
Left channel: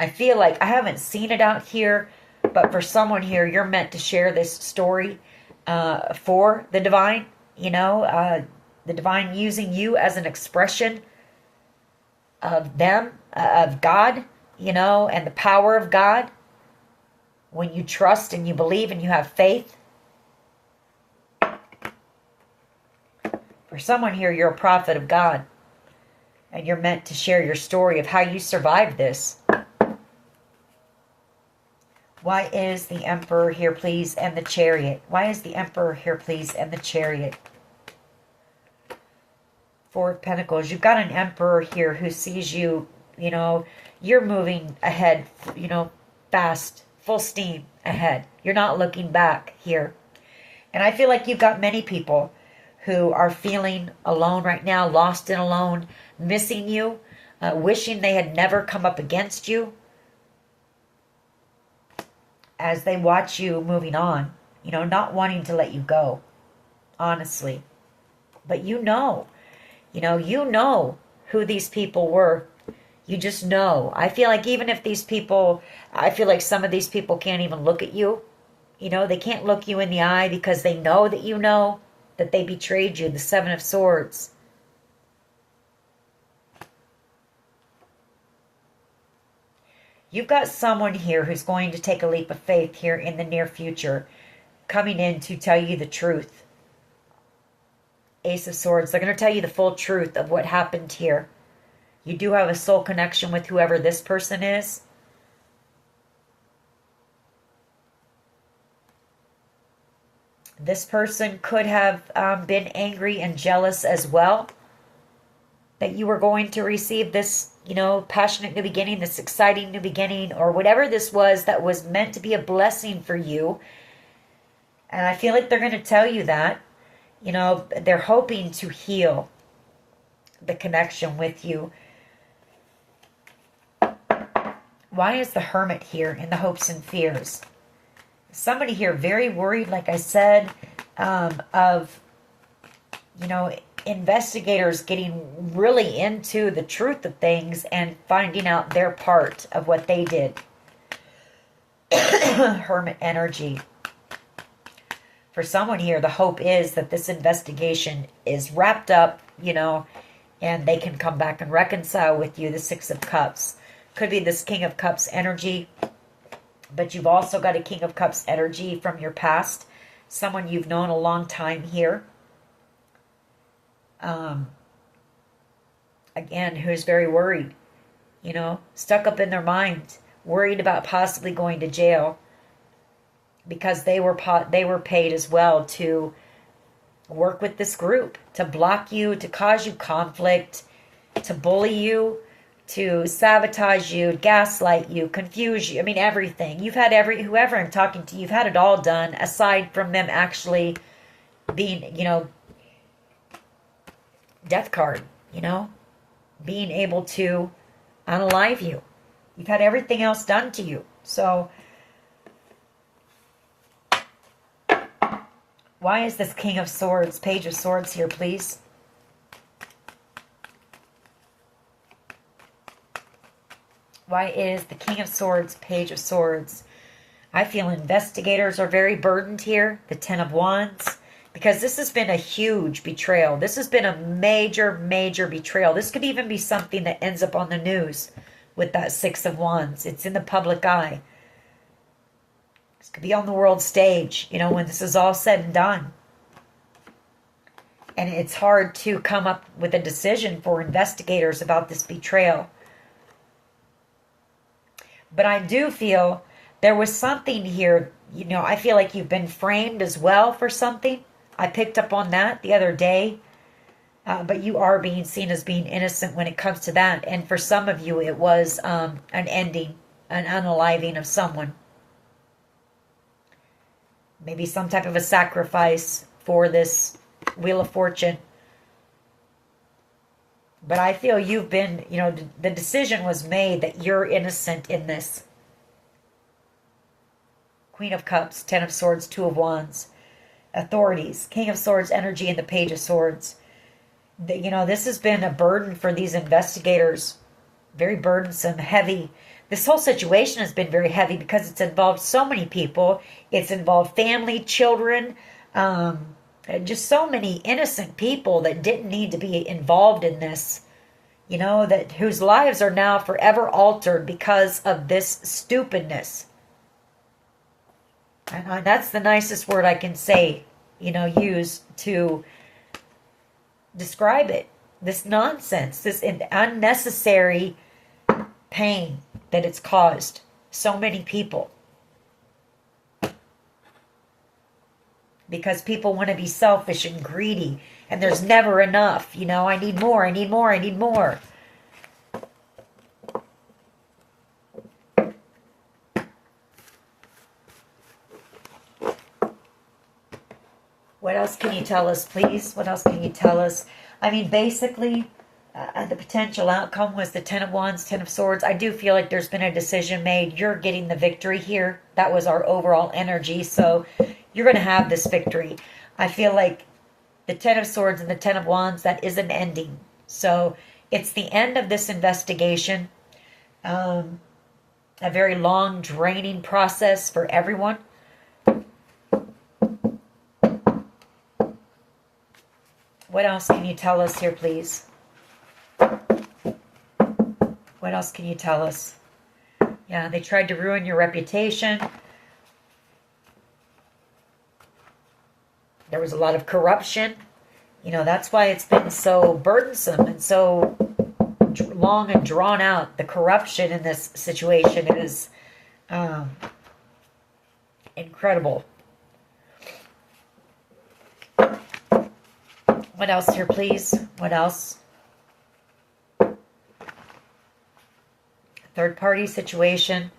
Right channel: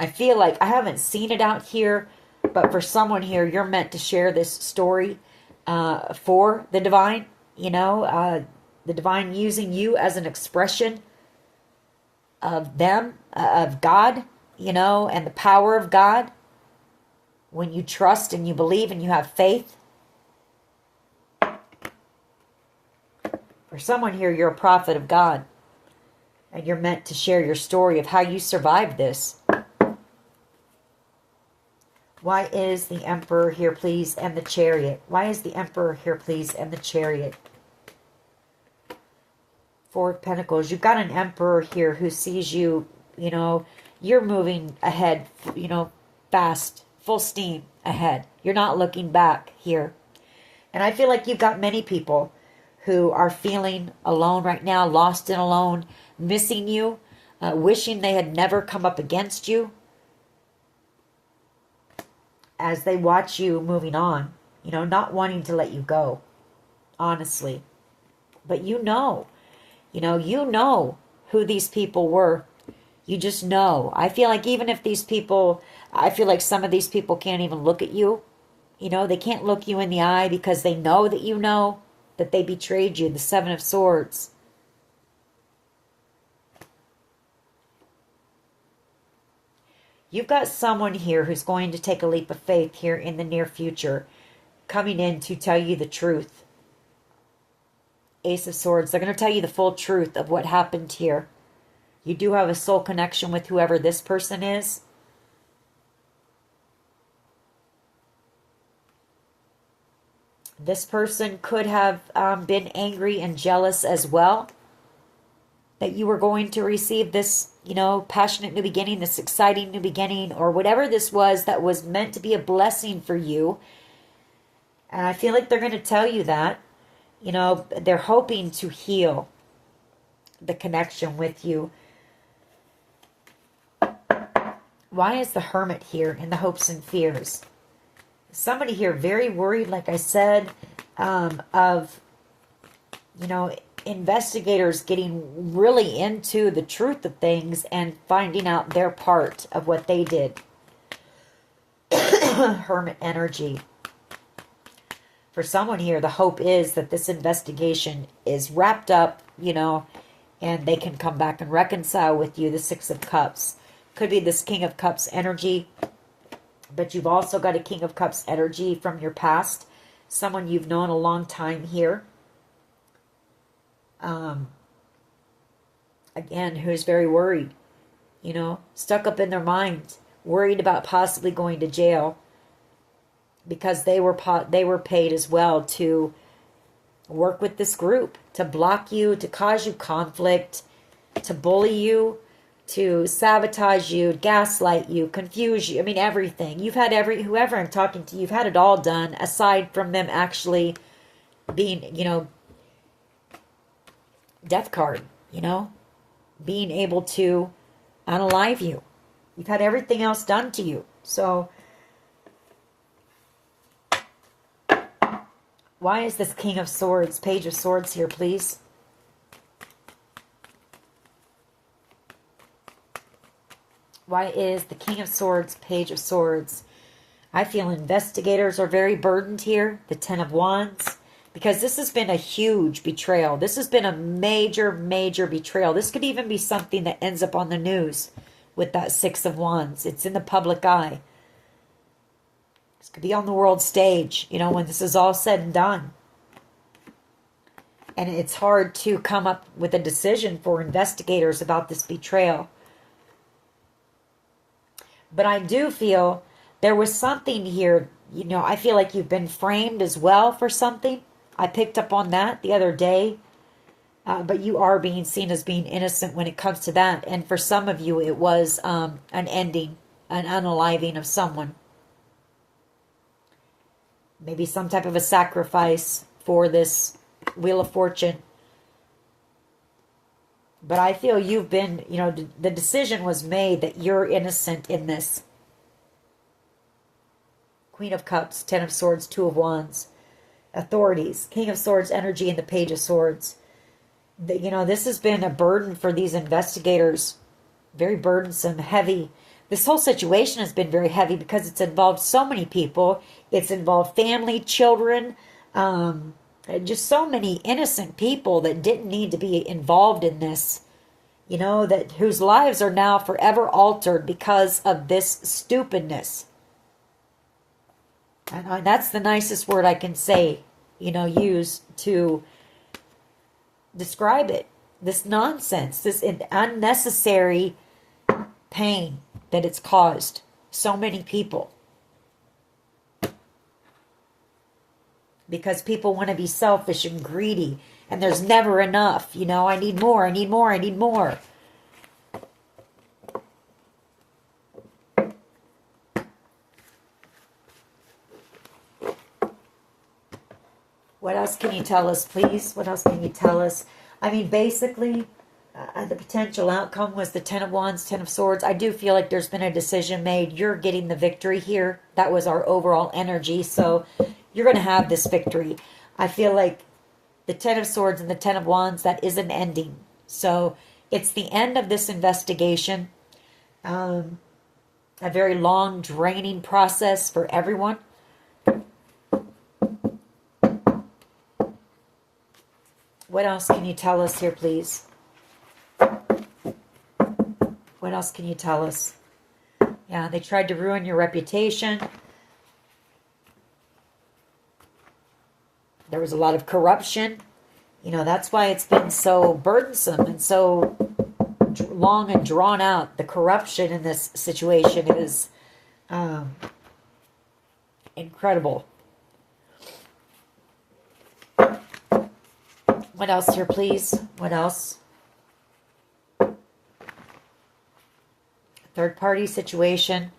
I feel like I haven't seen it out here, but for someone here, you're meant to share this story for the divine. You know, the divine using you as an expression of them, of God, you know, and the power of God. When you trust and you believe and you have faith. For someone here, you're a prophet of God. And you're meant to share your story of how you survived this. Why is the Emperor here, please, and the Chariot? Why is the Emperor here, please, and the Chariot? Four of Pentacles. You've got an Emperor here who sees you, you know, you're moving ahead, you know, fast, full steam ahead. You're not looking back here. And I feel like you've got many people who are feeling alone right now, lost and alone, missing you, wishing they had never come up against you. As they watch you moving on, you know, not wanting to let you go, honestly. But you know who these people were. You just know. I feel like even if these people, I feel like some of these people can't even look at you. You know, they can't look you in the eye because they know that they betrayed you. The Seven of Swords. You've got someone here who's going to take a leap of faith here in the near future, coming in to tell you the truth. Ace of Swords. They're going to tell you the full truth of what happened here. You do have a soul connection with whoever this person is. This person could have been angry and jealous as well. That you were going to receive this, you know, passionate new beginning, this exciting new beginning, or whatever this was that was meant to be a blessing for you. And I feel like they're going to tell you that. You know, they're hoping to heal the connection with you. Why is the Hermit here in the hopes and fears? Somebody here very worried, like I said, of, you know, investigators getting really into the truth of things and finding out their part of what they did. Hermit energy. For someone here, the hope is that this investigation is wrapped up, you know, and they can come back and reconcile with you. The Six of Cups. Could be this King of Cups energy. But you've also got a King of Cups energy from your past. Someone you've known a long time here. Again, who's very worried. You know, stuck up in their mind. Worried about possibly going to jail. Because they were paid as well to work with this group. To block you, to cause you conflict. To bully you. To sabotage you, gaslight you, confuse you. I mean, everything. You've had whoever I'm talking to, you've had it all done, aside from them actually being, you know, death card, you know, being able to unalive you. You've had everything else done to you. So, why is this King of Swords, Page of Swords here, please? Why is the King of Swords, Page of Swords? I feel investigators are very burdened here. The Ten of Wands. Because this has been a huge betrayal. This has been a major, major betrayal. This could even be something that ends up on the news with that Six of Wands. It's in the public eye. This could be on the world stage, you know, when this is all said and done. And it's hard to come up with a decision for investigators about this betrayal. But I do feel there was something here, you know, I feel like you've been framed as well for something. I picked up on that the other day. But you are being seen as being innocent when it comes to that. And for some of you, it was an ending, an unaliving of someone. Maybe some type of a sacrifice for this Wheel of Fortune. But I feel you've been, you know, the decision was made that you're innocent in this. Queen of Cups, Ten of Swords, Two of Wands. Authorities, King of Swords energy, and the Page of Swords. You know, this has been a burden for these investigators. Very burdensome, heavy. This whole situation has been very heavy because it's involved so many people. It's involved family, children, just so many innocent people that didn't need to be involved in this. You know, that whose lives are now forever altered because of this stupidness. And that's the nicest word I can say, you know, use to describe it. This nonsense, this unnecessary pain that it's caused so many people. Because people want to be selfish and greedy, and there's never enough. You know, I need more, I need more, I need more. What else can you tell us, please? What else can you tell us? I mean, basically, the potential outcome was the Ten of Wands, Ten of Swords. I do feel like there's been a decision made. You're getting the victory here. That was our overall energy. So you're going to have this victory. I feel like the Ten of Swords and the Ten of Wands, that is an ending. So it's the end of this investigation. A very long, draining process for everyone. What else can you tell us here, please? What else can you tell us? Yeah, they tried to ruin your reputation. There was a lot of corruption. You know, that's why it's been so burdensome and so long and drawn out. The corruption in this situation is incredible. What else here, please? What else? Third party situation.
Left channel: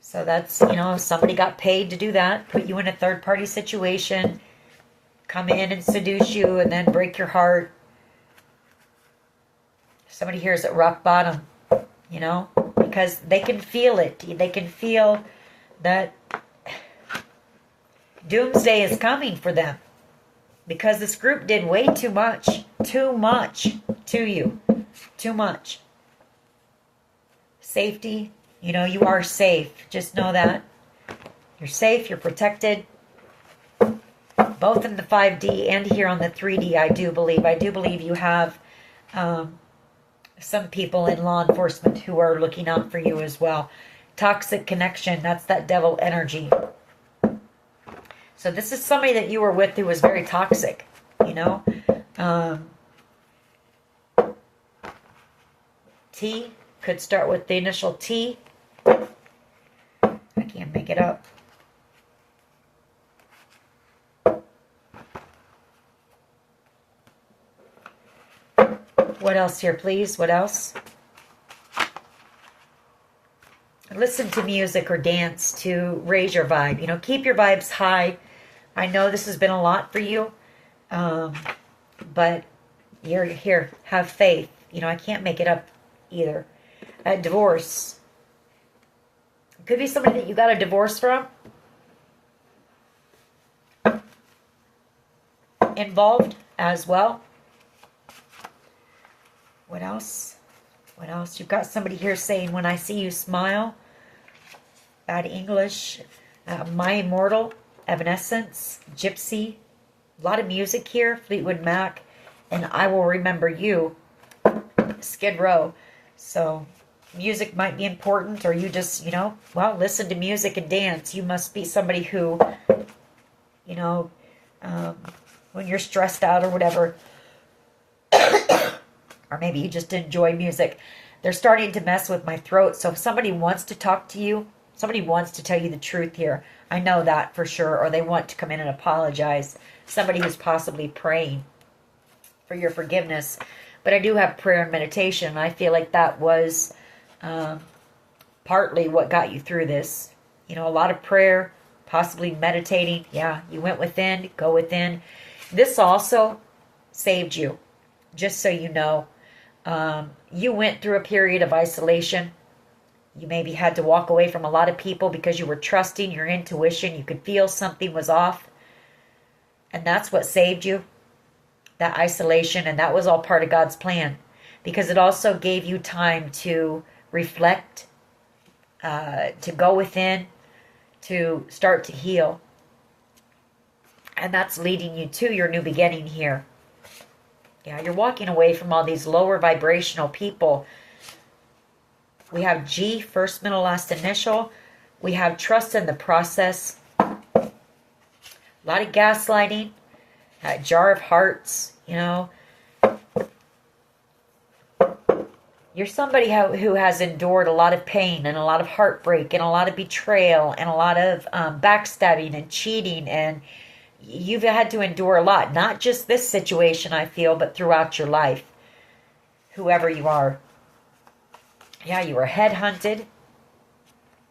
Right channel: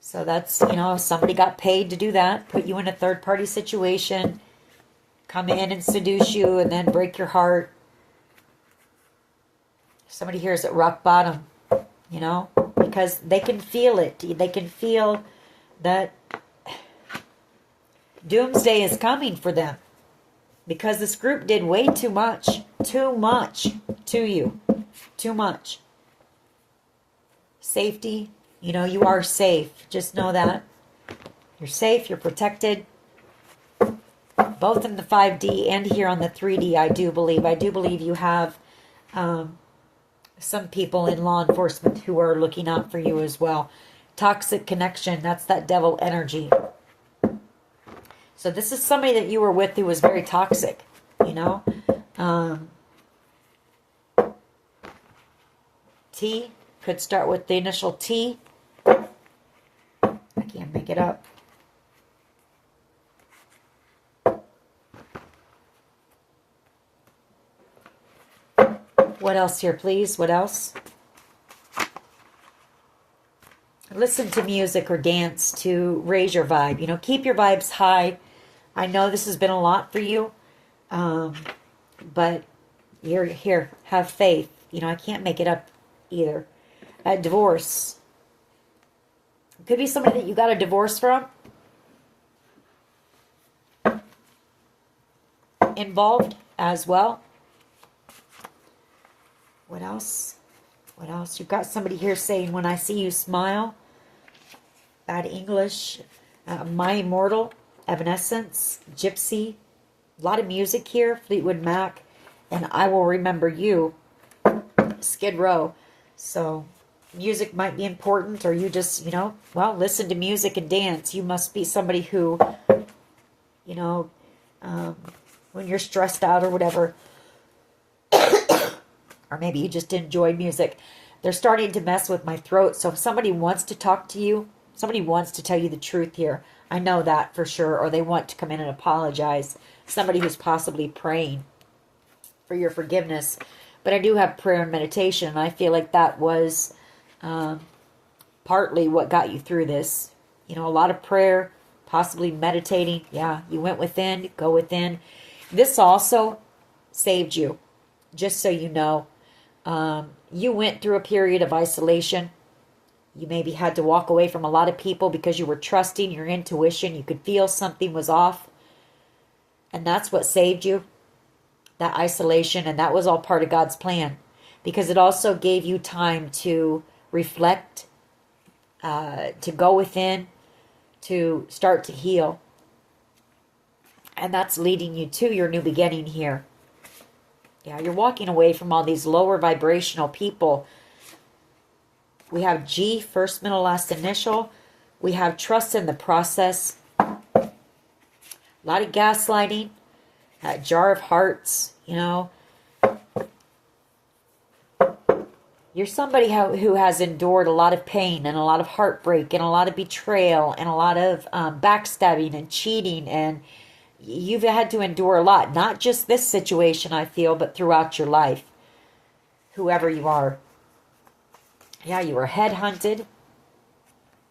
So that's, you know, somebody got paid to do that. Put you in a third party situation. Come in and seduce you and then break your heart. Somebody here is at rock bottom, you know, because they can feel it. They can feel that doomsday is coming for them. Because this group did way too much to you. Too much. Safety. You know, you are safe. Just know that. You're safe. You're protected. Both in the 5D and here on the 3D, I do believe. I do believe you have some people in law enforcement who are looking out for you as well. Toxic connection. That's that devil energy. So this is somebody that you were with who was very toxic, you know. T could start with the initial T. I can't make it up. What else here, please? What else? Listen to music or dance to raise your vibe. You know, keep your vibes high. I know this has been a lot for you, but you're here. Have faith. You know, I can't make it up either. Divorce. It could be somebody that you got a divorce from. Involved as well. What else? What else? You've got somebody here saying, when I see you smile. Bad English. My Immortal. Evanescence, Gypsy, A lot of music here, Fleetwood Mac, and I Will Remember You, Skid Row. So music might be important, or you just, well, listen to music and dance. You must be somebody who, you know, when you're stressed out or whatever, or maybe you just enjoy music. They're starting to mess with my throat. So if somebody wants to talk to you, somebody wants to tell you the truth here. I know that for sure. Or they want to come in and apologize. Somebody who's possibly praying for your forgiveness. But I do have prayer and meditation. And I feel like that was partly what got you through this. A lot of prayer, possibly meditating. Yeah, you went within, go within. This also saved you, just so you know. You went through a period of isolation. You maybe had to walk away from a lot of people because you were trusting your intuition. You could feel something was off. And that's what saved you, that isolation. And that was all part of God's plan, because it also gave you time to reflect, to go within, to start to heal. And that's leading you to your new beginning here. Yeah, you're walking away from all these lower vibrational people. We have G, first, middle, last initial. We have trust in the process. A lot of gaslighting. Jar of Hearts, You're somebody who has endured a lot of pain and a lot of heartbreak and a lot of betrayal and a lot of backstabbing and cheating, and you've had to endure a lot. Not just this situation, I feel, but throughout your life. Whoever you are. Yeah, you were headhunted. It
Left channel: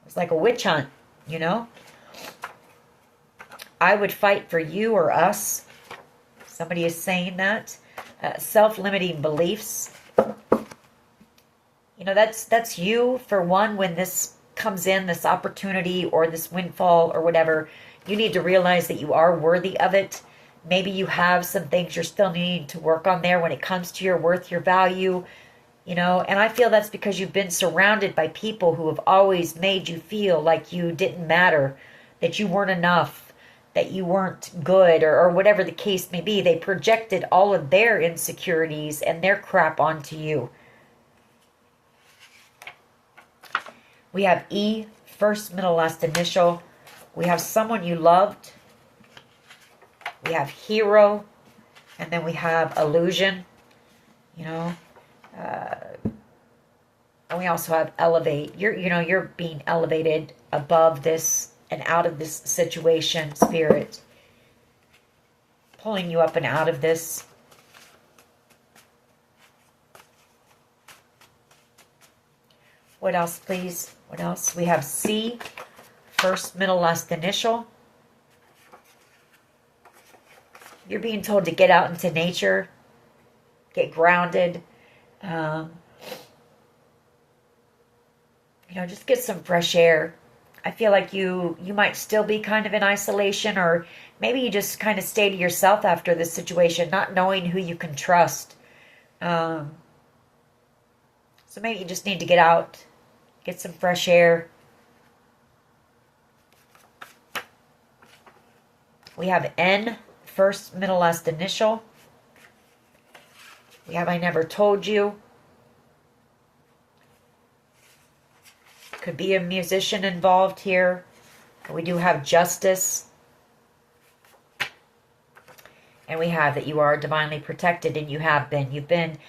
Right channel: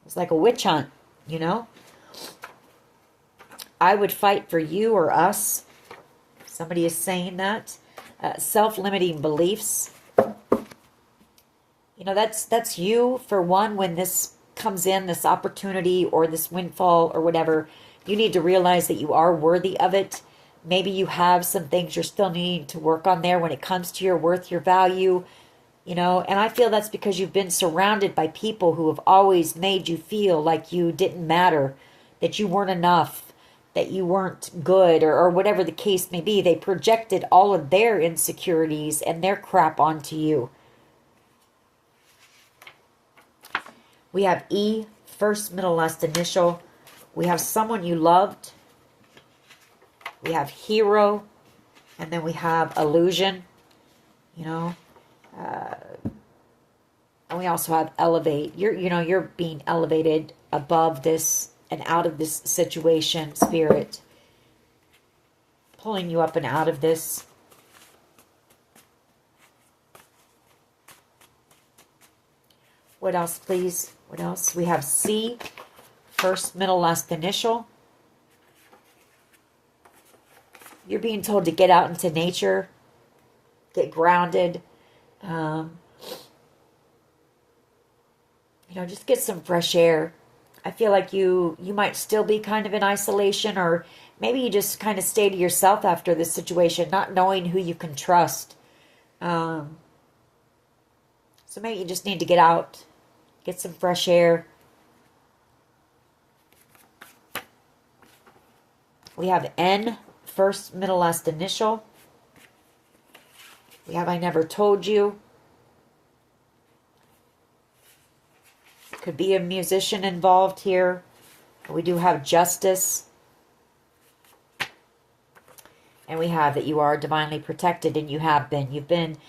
was like a witch hunt, I would fight for you or us. Somebody is saying that. Self-limiting beliefs. That's you, for one, when this comes in, this opportunity or this windfall or whatever. You need to realize that you are worthy of it. Maybe you have some things you're still needing to work on there when it comes to your worth, your value, and I feel that's because you've been surrounded by people who have always made you feel like you didn't matter, that you weren't enough, that you weren't good, or whatever the case may be. They projected all of their insecurities and their crap onto you. We have E, first, middle, last initial. We have someone you loved. We have hero. And then we have illusion. And we also have elevate. You're being elevated above this and out of this situation, Spirit. Pulling you up and out of this. What else, please? What else? We have C, first, middle, last initial. You're being told to get out into nature, get grounded. Just get some fresh air. I feel like you might still be kind of in isolation, or maybe you just kind of stay to yourself after this situation, not knowing who you can trust. So maybe you just need to get out, get some fresh air. We have N, first, middle, last initial. We have I never told you. Could be a musician involved here. We do have justice. And we have that you are divinely protected, and you have been. You've been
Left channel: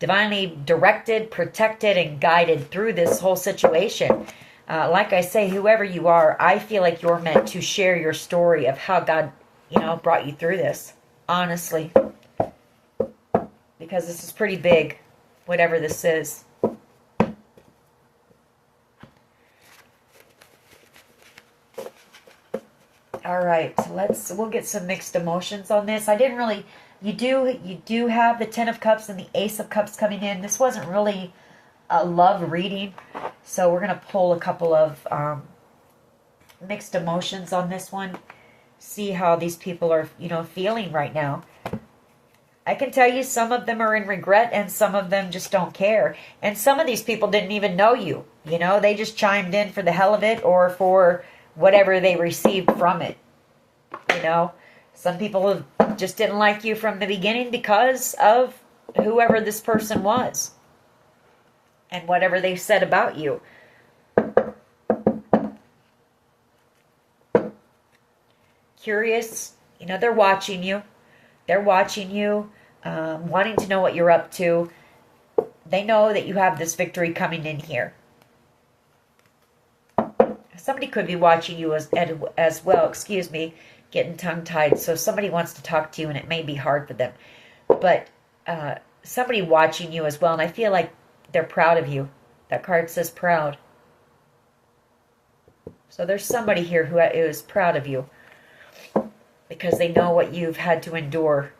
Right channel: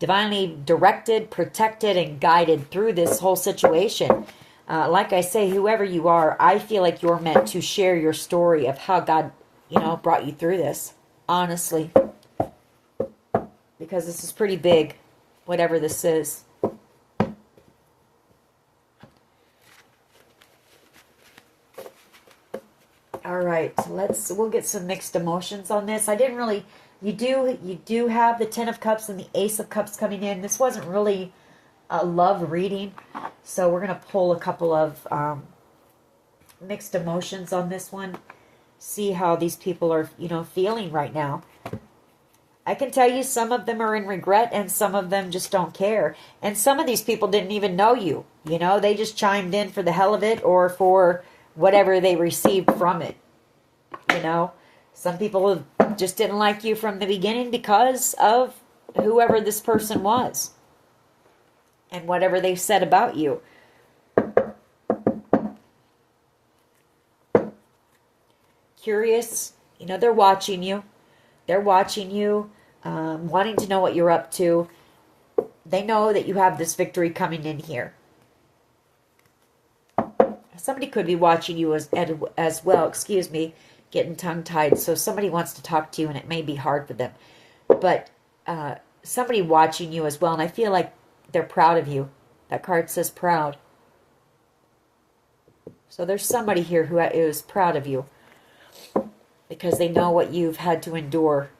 divinely directed, protected, and guided through this whole situation. Like I say, whoever you are, I feel like you're meant to share your story of how God, brought you through this. Honestly. Because this is pretty big, whatever this is. All right, we'll get some mixed emotions on this. I didn't really, you do have the Ten of Cups and the Ace of Cups coming in. This wasn't really a love reading, so we're going to pull a couple of mixed emotions on this one. See how these people are, feeling right now. I can tell you some of them are in regret and some of them just don't care. And some of these people didn't even know you. They just chimed in for the hell of it or for whatever they received from it. Some people just didn't like you from the beginning because of whoever this person was and whatever they said about you. Curious, they're watching you. They're watching you, wanting to know what you're up to. They know that you have this victory coming in here. Somebody could be watching you as well, excuse me, getting tongue-tied. So somebody wants to talk to you, and it may be hard for them. But somebody watching you as well, and I feel like they're proud of you. That card says proud. So there's somebody here who is proud of you because they know what you've had to endure.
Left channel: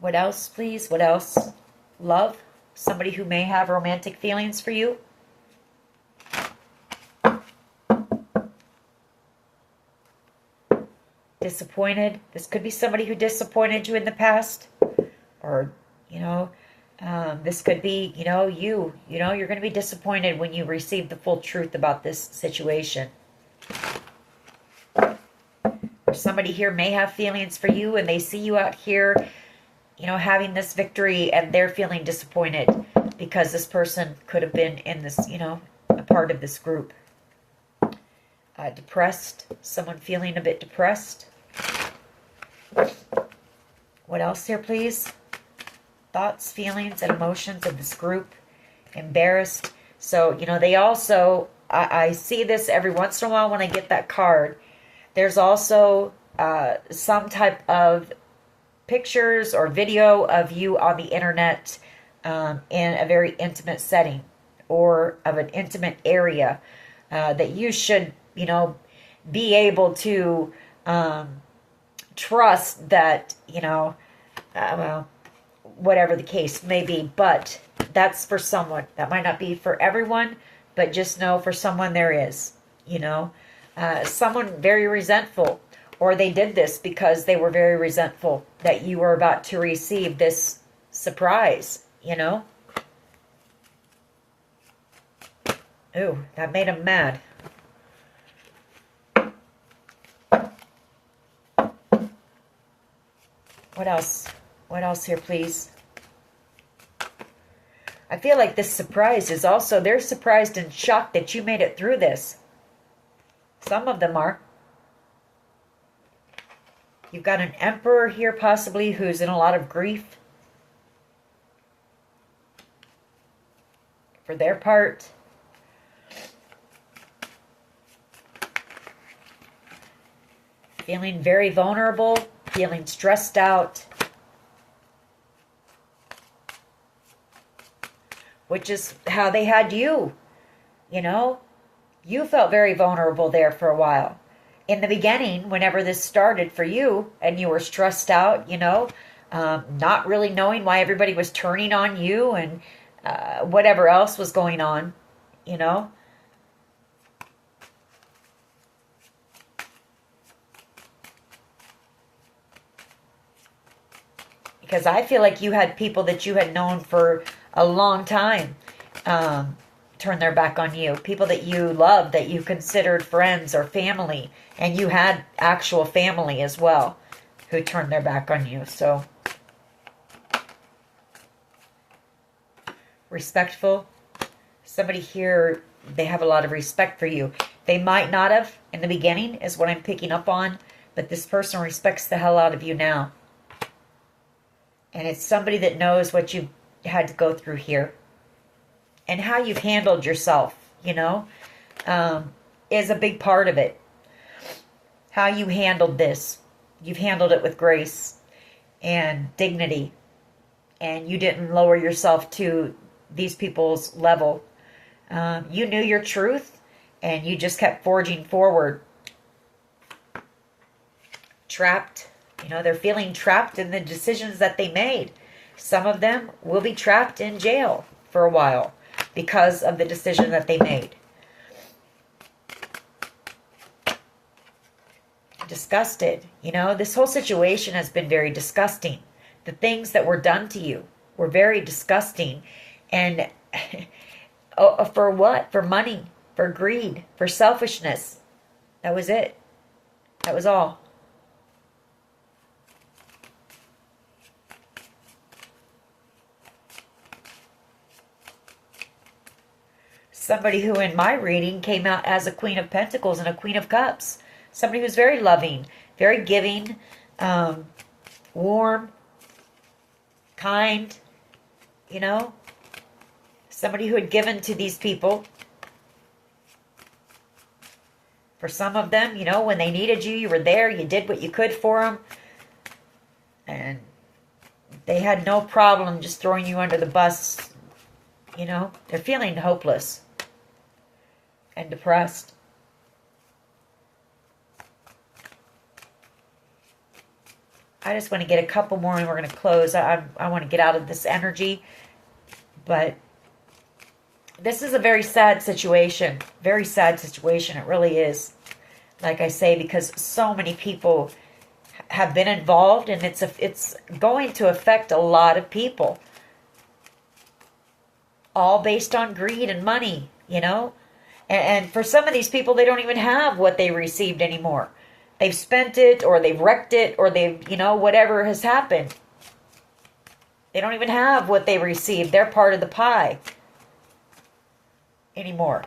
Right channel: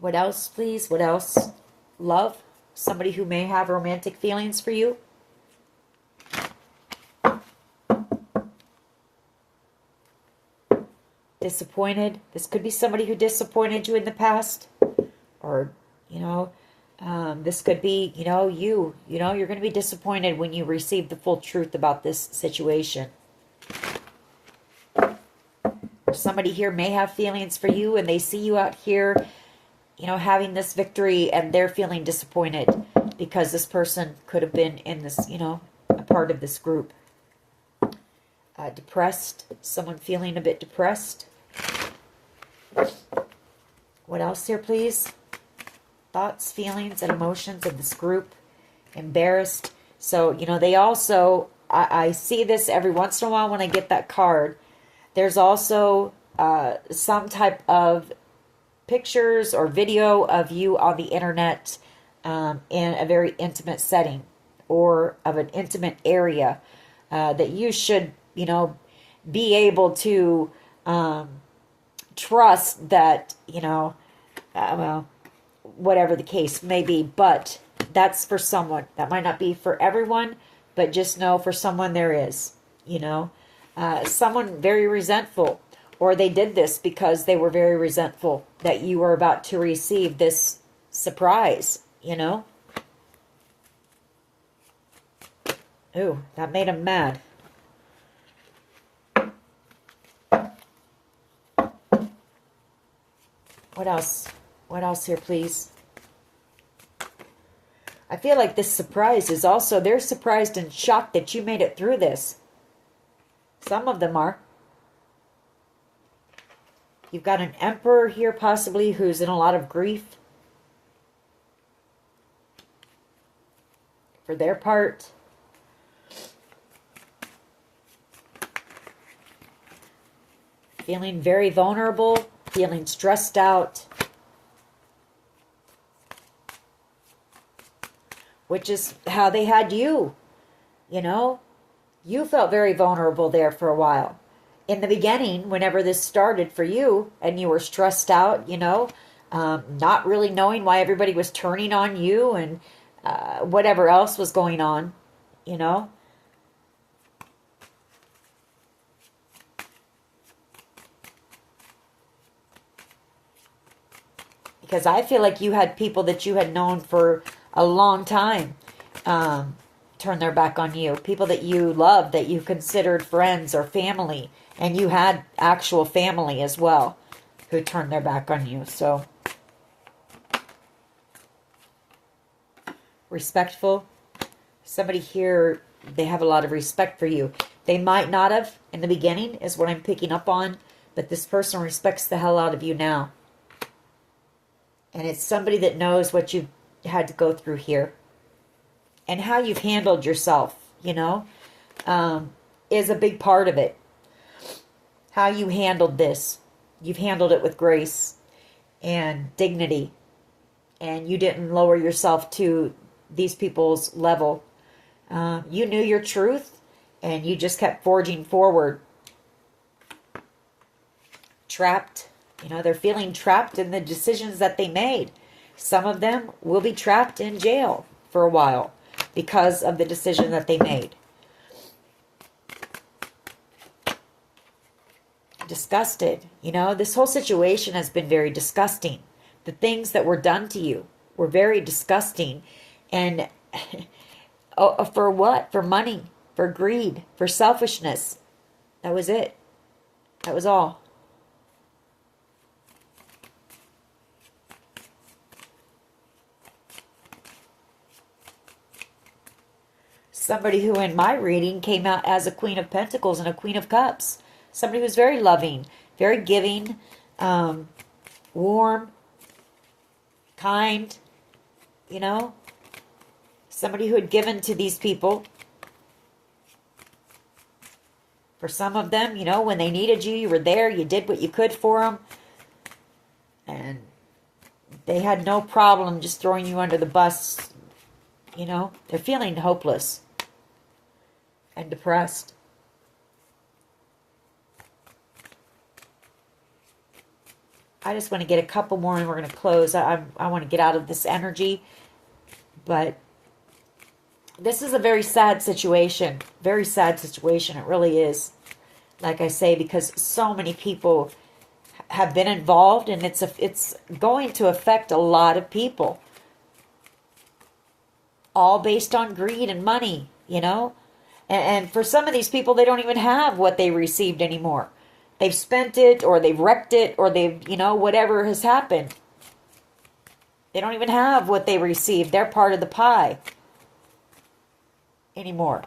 What else, please? What else? Love. Somebody who may have romantic feelings for you. Disappointed. This could be somebody who disappointed you in the past. Or, this could be, you. You're going to be disappointed when you receive the full truth about this situation. Or somebody here may have feelings for you and they see you out here, having this victory, and they're feeling disappointed because this person could have been in this, a part of this group. Depressed. Someone feeling a bit depressed. What else here, please? Thoughts, feelings, and emotions of this group. Embarrassed. So, they also, I see this every once in a while when I get that card. There's also some type of pictures or video of you on the internet in a very intimate setting or of an intimate area that you should, be able to trust that, whatever the case may be, but that's for someone. That might not be for everyone, but just know for someone there is, someone very resentful, or they did this because they were very resentful that you were about to receive this surprise, Ooh, that made him mad. What else? What else here, please? I feel like this surprise is also, they're surprised and shocked that you made it through this. Some of them are. You've got an emperor here possibly who's in a lot of grief. For their part. Feeling very vulnerable. Feeling stressed out. Which is how they had you. You felt very vulnerable there for a while. In the beginning, whenever this started for you, and you were stressed out, not really knowing why everybody was turning on you and whatever else was going on, Because I feel like you had people that you had known for a long time turn their back on you. People that you loved, that you considered friends or family. And you had actual family as well who turned their back on you. So, respectful. Somebody here, they have a lot of respect for you. They might not have in the beginning, is what I'm picking up on. But this person respects the hell out of you now. And it's somebody that knows what you've had to go through here. And how you've handled yourself, is a big part of it. How you handled this. You've handled it with grace and dignity. And you didn't lower yourself to these people's level. You knew your truth and you just kept forging forward. Trapped. They're feeling trapped in the decisions that they made. Some of them will be trapped in jail for a while because of the decision that they made. Disgusted. This whole situation has been very disgusting. The things that were done to you were very disgusting. And for what? For money, for greed, for selfishness. That was it. That was all. Somebody who in my reading came out as a Queen of Pentacles and a Queen of Cups. Somebody who's very loving, very giving, warm, kind, you know. Somebody who had given to these people. For some of them, you know, when they needed you, you were there. You did what you could for them. And they had no problem just throwing you under the bus. You know, they're feeling hopeless and depressed. I just want to get a couple more and we're going to close. I want to get out of this energy. But this is a very sad situation. Very sad situation. It really is. Like I say, because so many people have been involved and it's going to affect a lot of people. All based on greed and money, you know. And for some of these people, they don't even have what they received anymore. They've spent it, or they've wrecked it, or they've, you know, whatever has happened. They don't even have what they received. They're part of the pie anymore.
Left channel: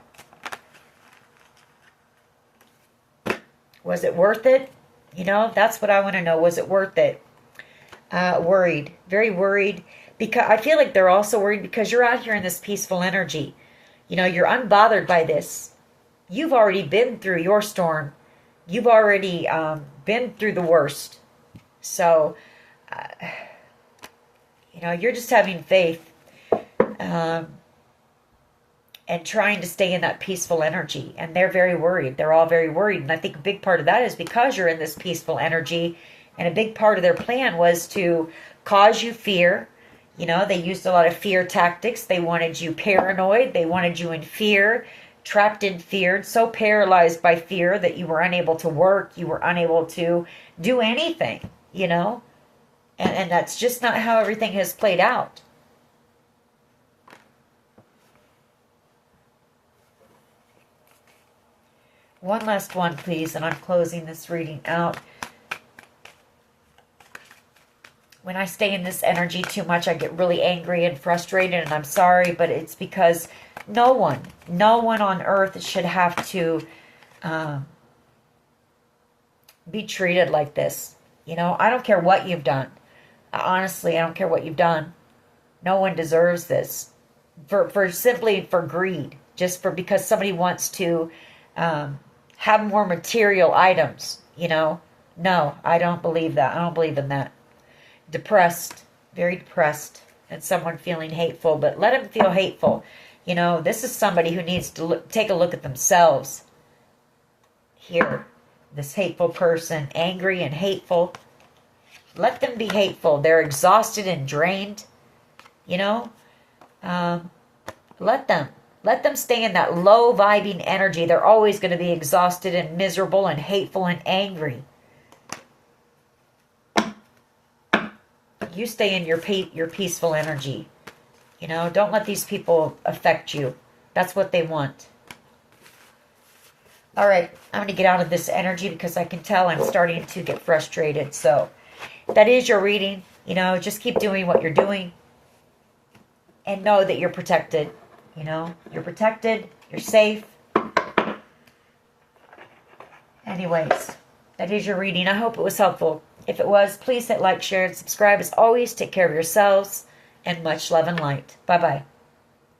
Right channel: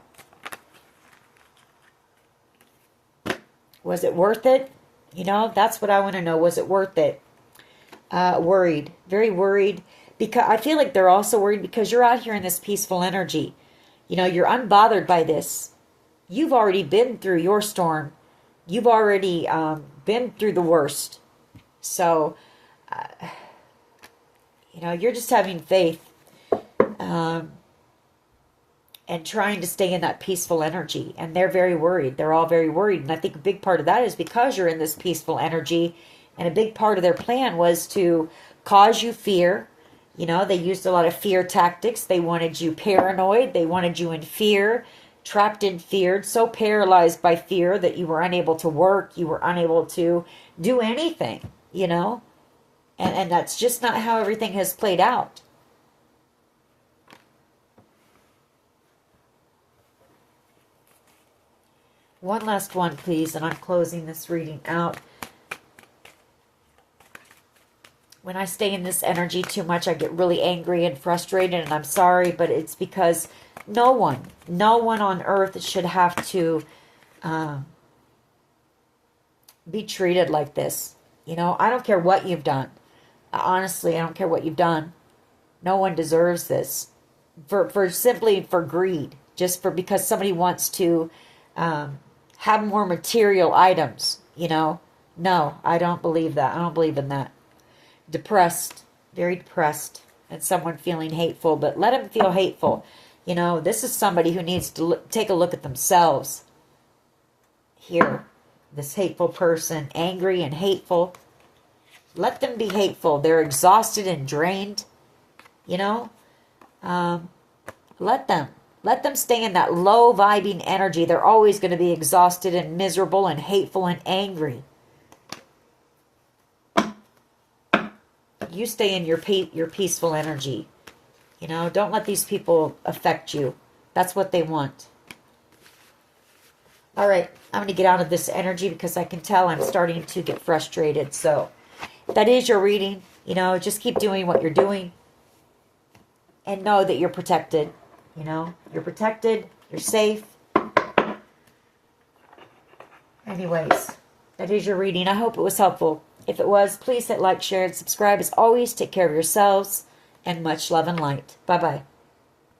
Was it worth it? You know, that's what I want to know. Was it worth it? Worried. Very worried. Because I feel like they're also worried because you're out here in this peaceful energy. You know, you're unbothered by this. You've already been through your storm. You've already been through the worst. So, you know, you're just having faith and trying to stay in that peaceful energy. And they're very worried. They're all very worried. And I think a big part of that is because you're in this peaceful energy. And a big part of their plan was to cause you fear. You know, they used a lot of fear tactics. They wanted you paranoid. They wanted you in fear, trapped in fear, so paralyzed by fear that you were unable to work. You were unable to do anything, you know. And that's just not how everything has played out. One last one, please, and I'm closing this reading out. When I stay in this energy too much, I get really angry and frustrated, and I'm sorry, but it's because no one on earth should have to be treated like this. You know, I don't care what you've done. Honestly, I don't care what you've done. No one deserves this. Simply for greed. Just because somebody wants to have more material items, you know. No, I don't believe that. I don't believe in that. Depressed, very depressed, and someone feeling hateful, but let them feel hateful. You know, this is somebody who needs to take a look at themselves. Here, this hateful person, angry and hateful. Let them be hateful. They're exhausted and drained. You know, let them stay in that low vibing energy. They're always going to be exhausted and miserable and hateful and angry. You stay in your peaceful energy. You know, don't let these people affect you. That's what they want. All right, I'm going to get out of this energy because I can tell I'm starting to get frustrated. So that is your reading. You know, just keep doing what you're doing. And know that you're protected. You know, you're protected. You're safe. Anyways, that is your reading. I hope it was helpful. If it was, please hit like, share, and subscribe. As always, take care of yourselves, and much love and light. Bye-bye.